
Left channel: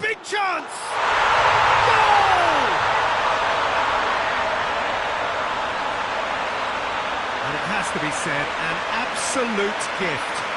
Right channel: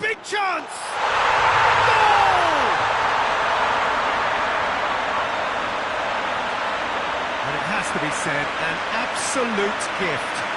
Big chance! Goal! And it has to be said, an absolute gift.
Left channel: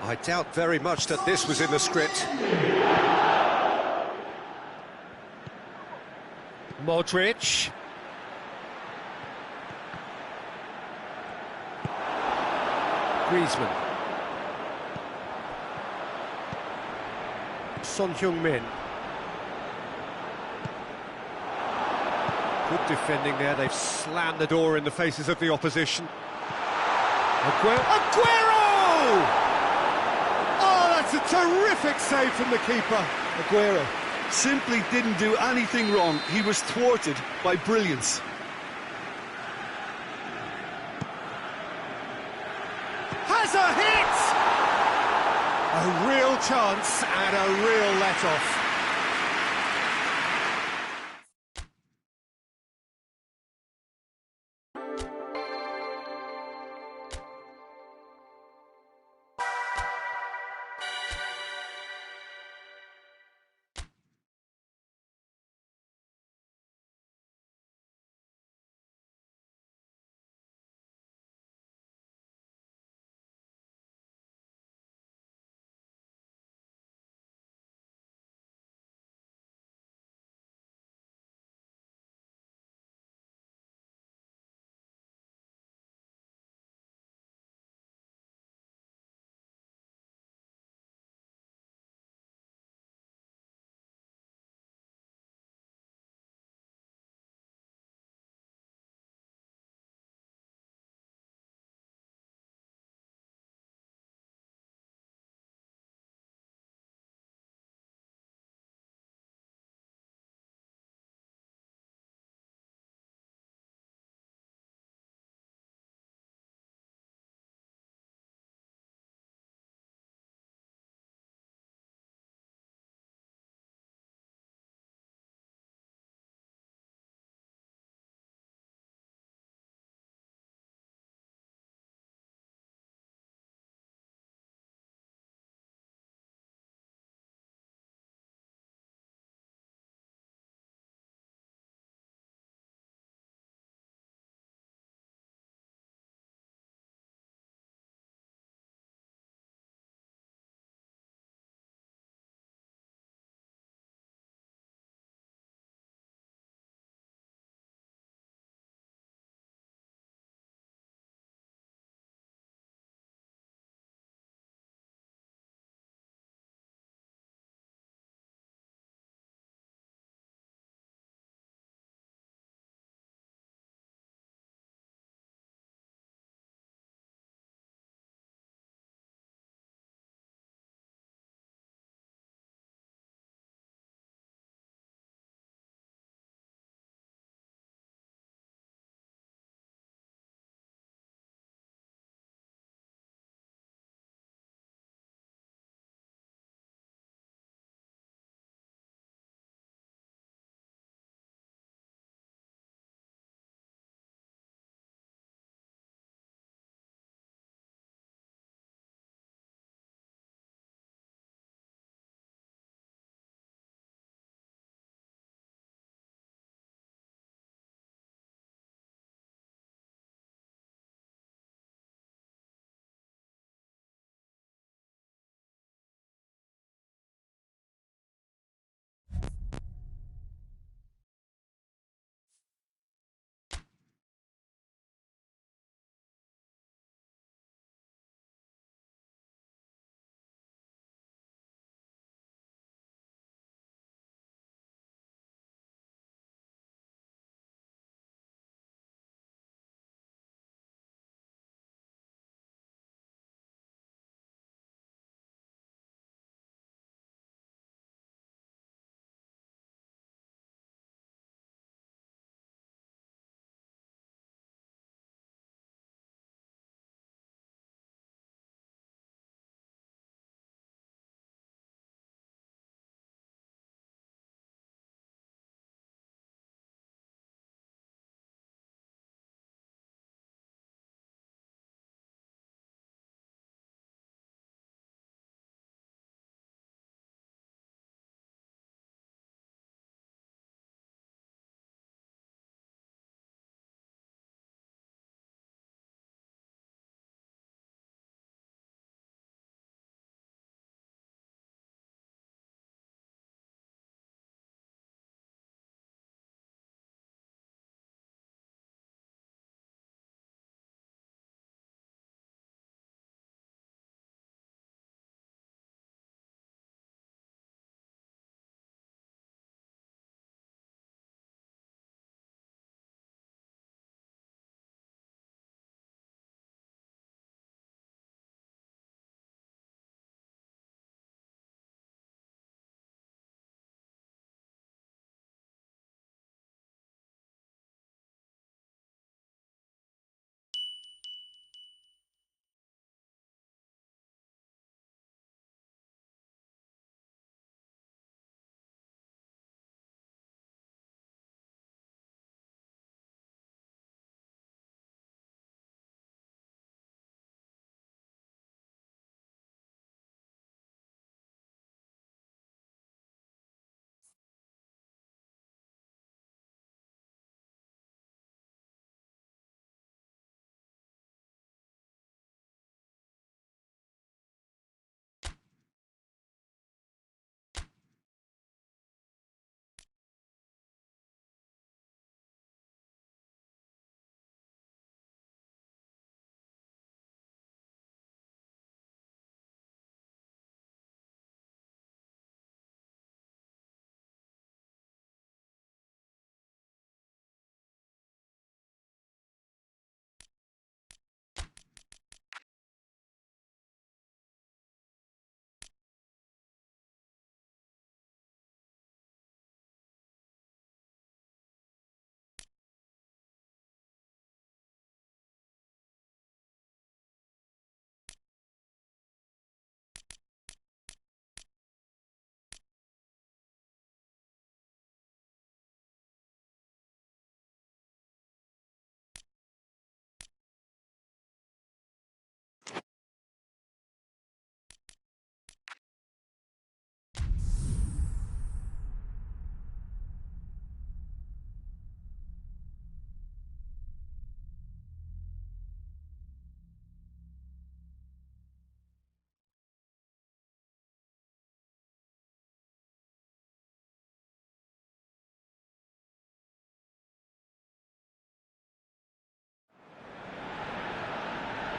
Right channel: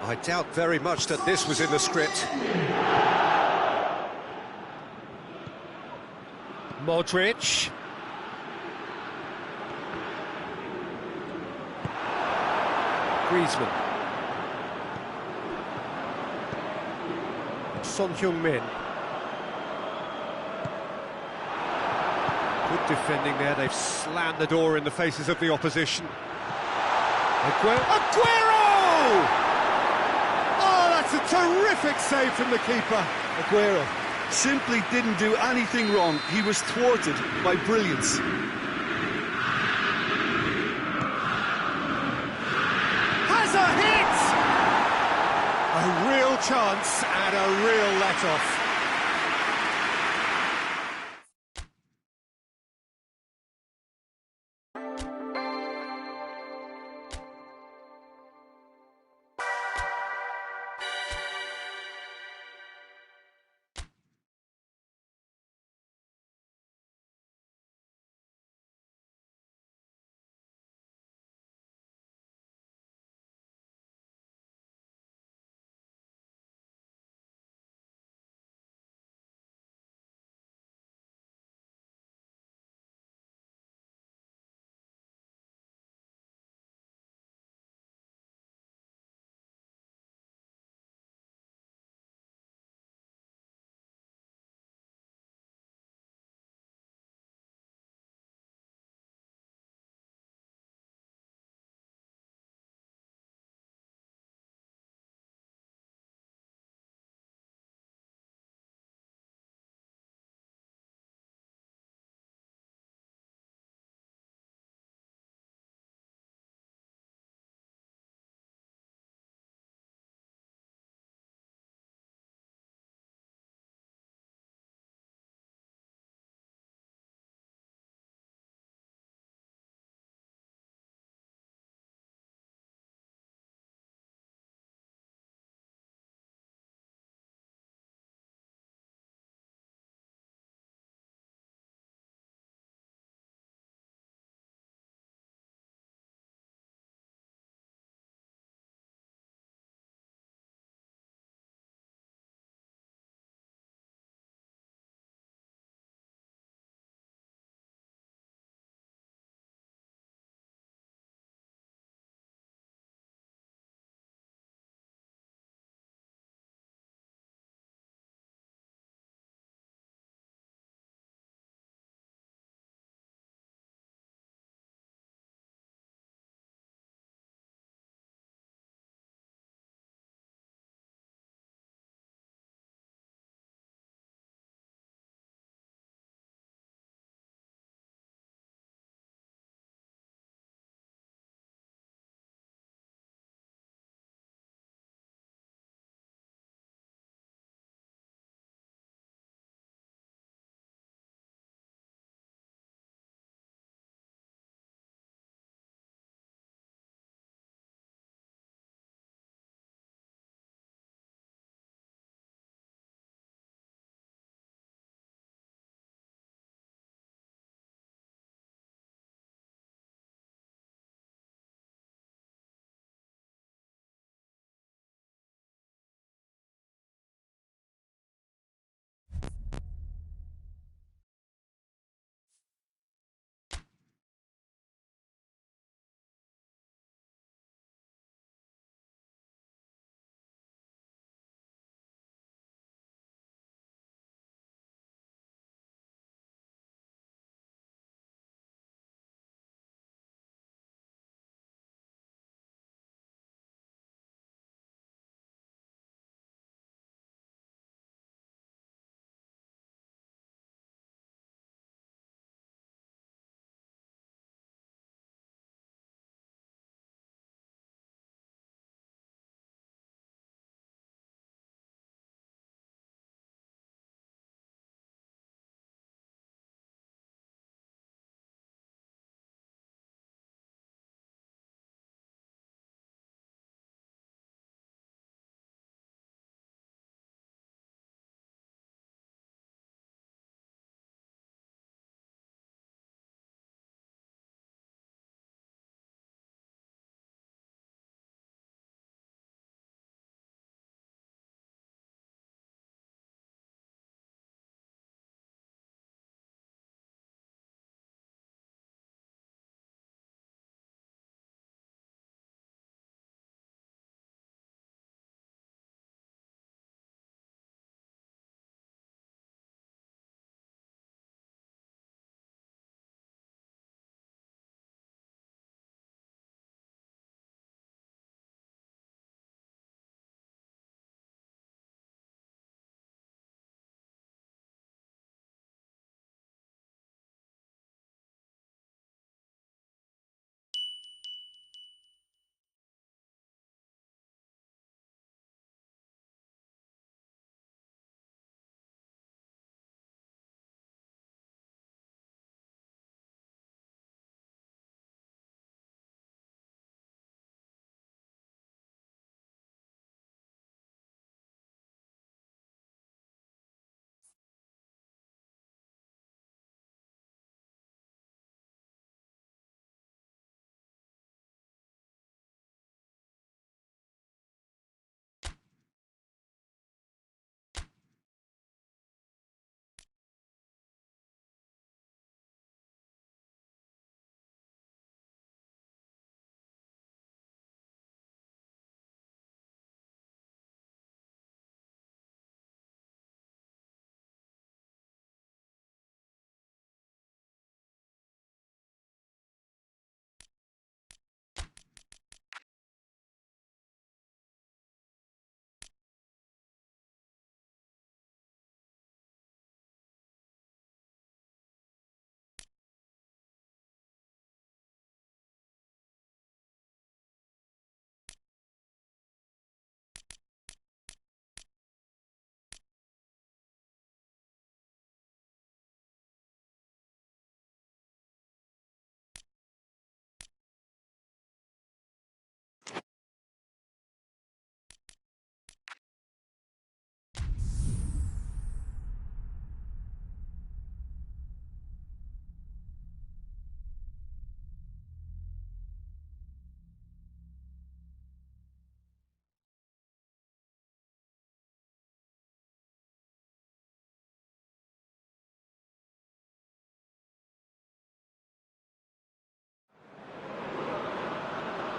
I doubt very much that this was in the script. Modric. Griezmann. Son Heung-min. Good defending there. They've slammed the door in the faces of the opposition. Aguero! That's a terrific save from the keeper. Aguero simply didn't do anything wrong. He was thwarted by brilliance. Has a hit! A real chance and a real let-off.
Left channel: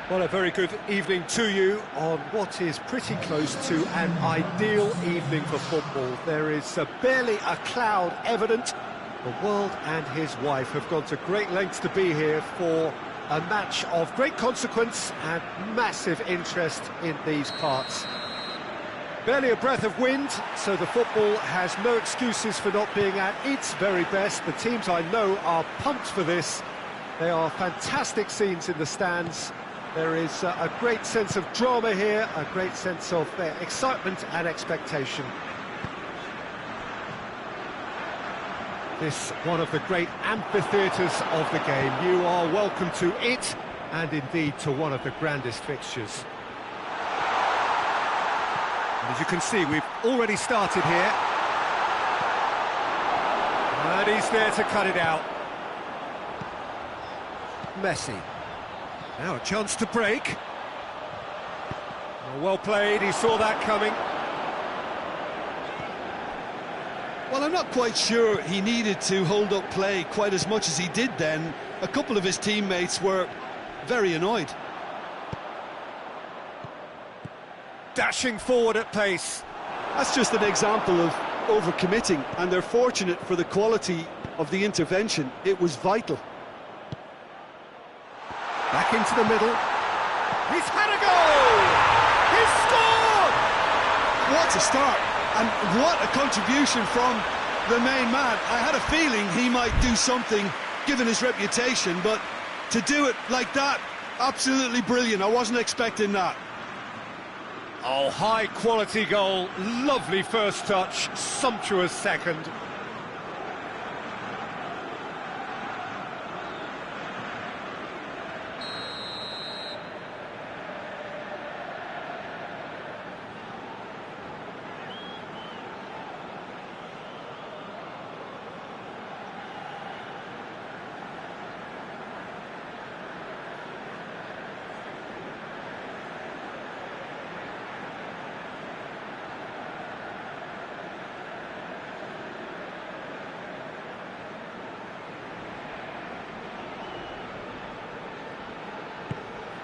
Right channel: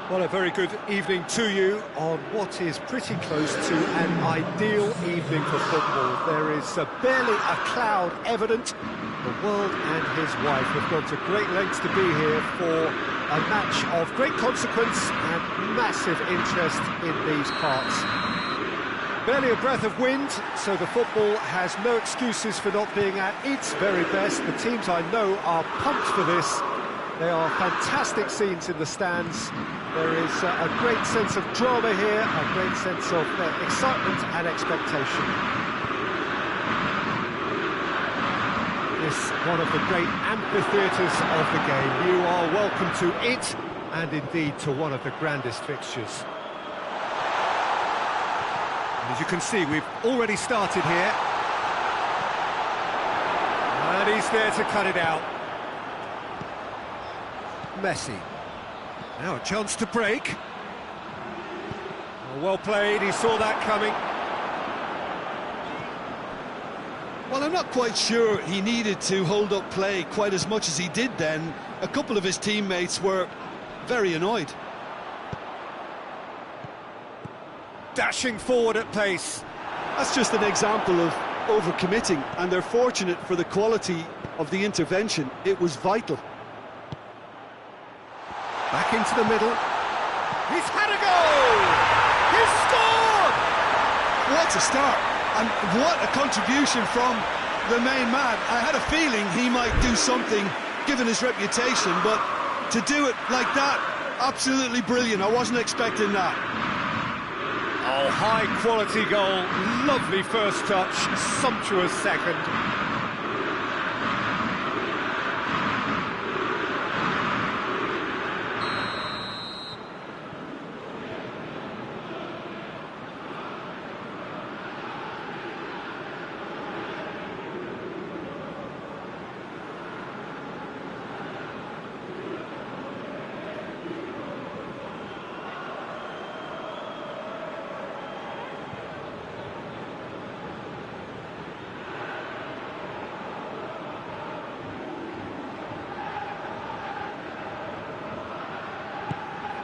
Well, a very good evening to you on what is pretty close to an ideal evening for football. There is barely a cloud evident. The world and his wife have gone to great lengths to be here for a match of great consequence and massive interest in these parts. Barely a breath of wind, so the football has no excuses for not being at its very best. The teams I know are pumped for this. They are fantastic scenes in the stands. There is a great sense of drama here, a great sense of excitement and expectation. This one of the great amphitheatres of the game. You are welcome to it, and indeed to one of the grandest fixtures. And as you can see, we've already started here. And he's there to cut it out. Messi. Now a chance to break. Well played, he saw that coming. Well, I'm not quite sure he needed to hold up play quite as much as he did then. A couple of his teammates were very annoyed. Dashing forward at pace. That's just an example of overcommitting, and they're fortunate for the quality of the intervention. It was vital. Back into the middle. He's had a goal! He's scored! What a start, and what a contribution from the main man. I had a feeling he might do something, given his reputation, but to do it like that, absolutely brilliant. I wasn't expecting that. Oh, high-quality goal, lovely first touch, sumptuous second.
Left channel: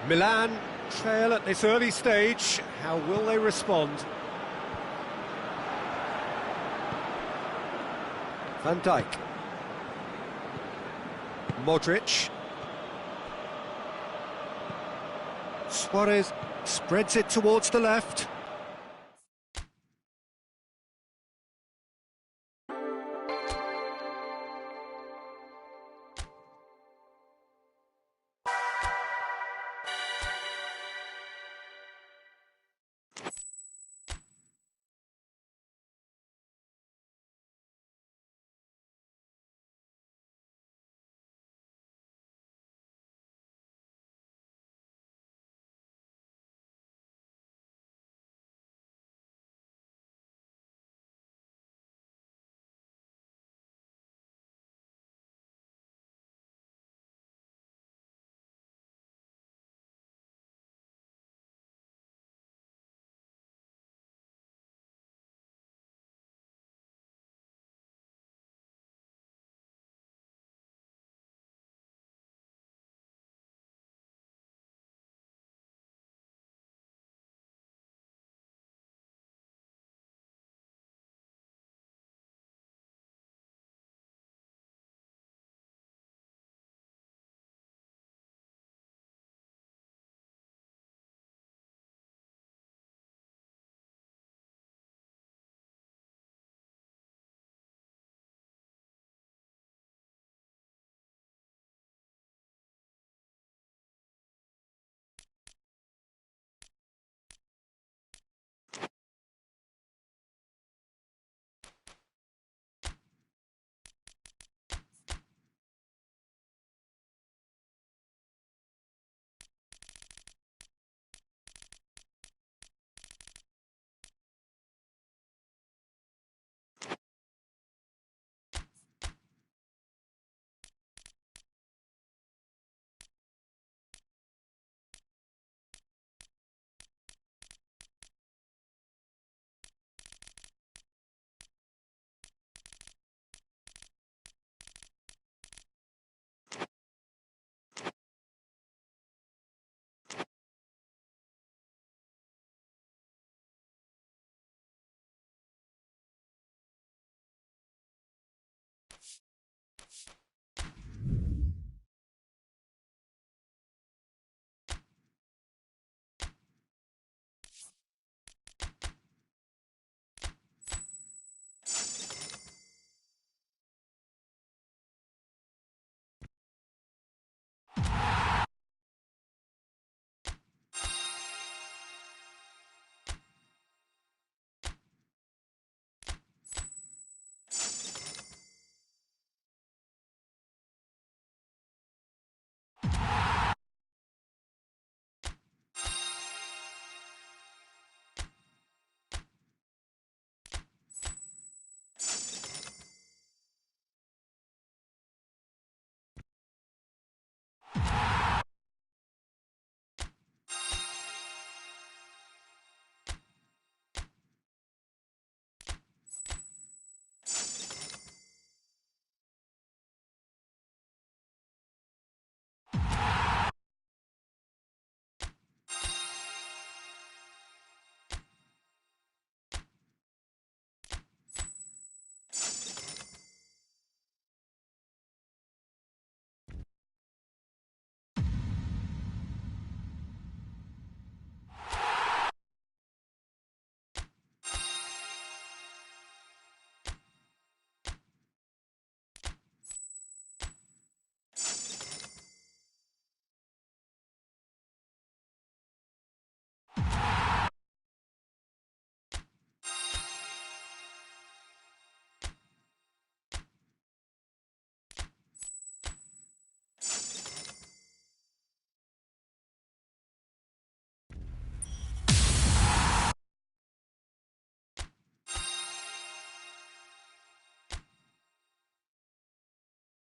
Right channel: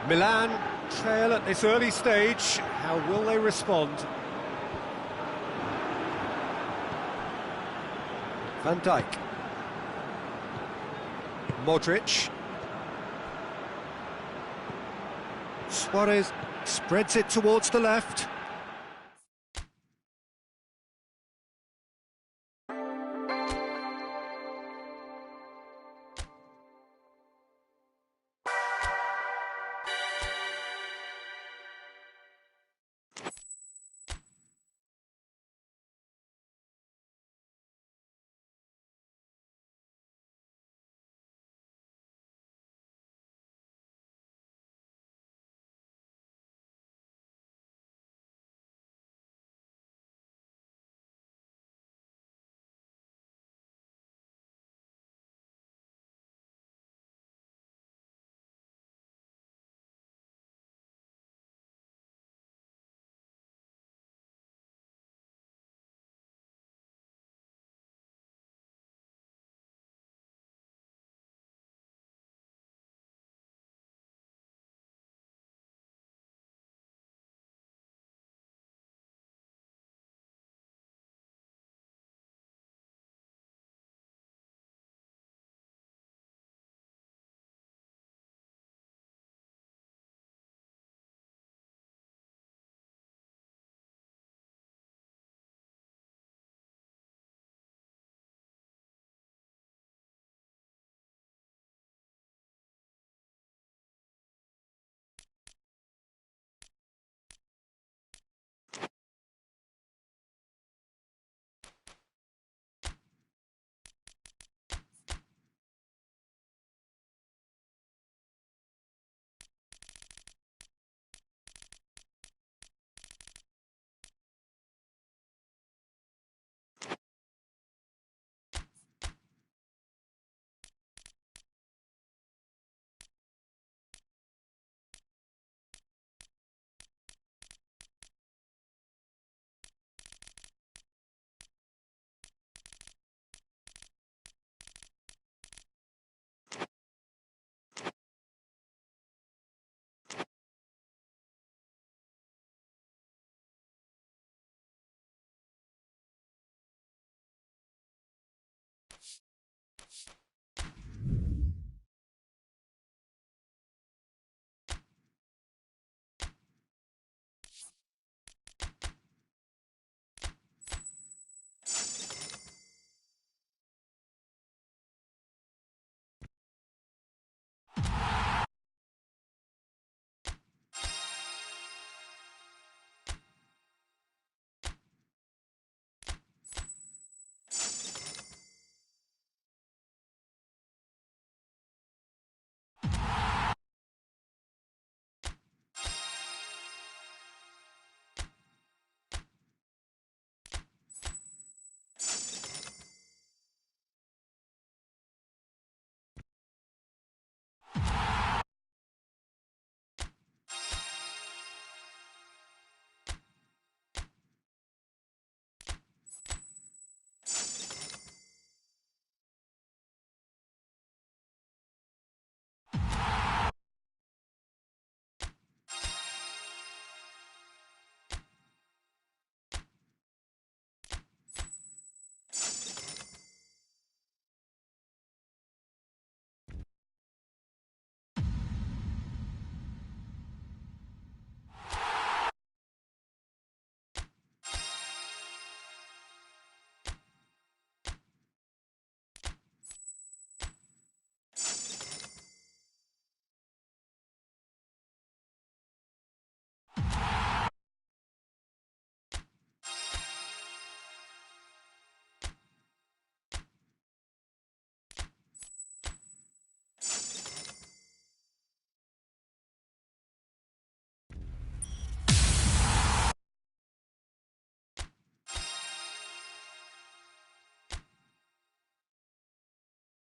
Milan trail at this early stage. How will they respond? Van Dijk. Modric. Suarez spreads it towards the left.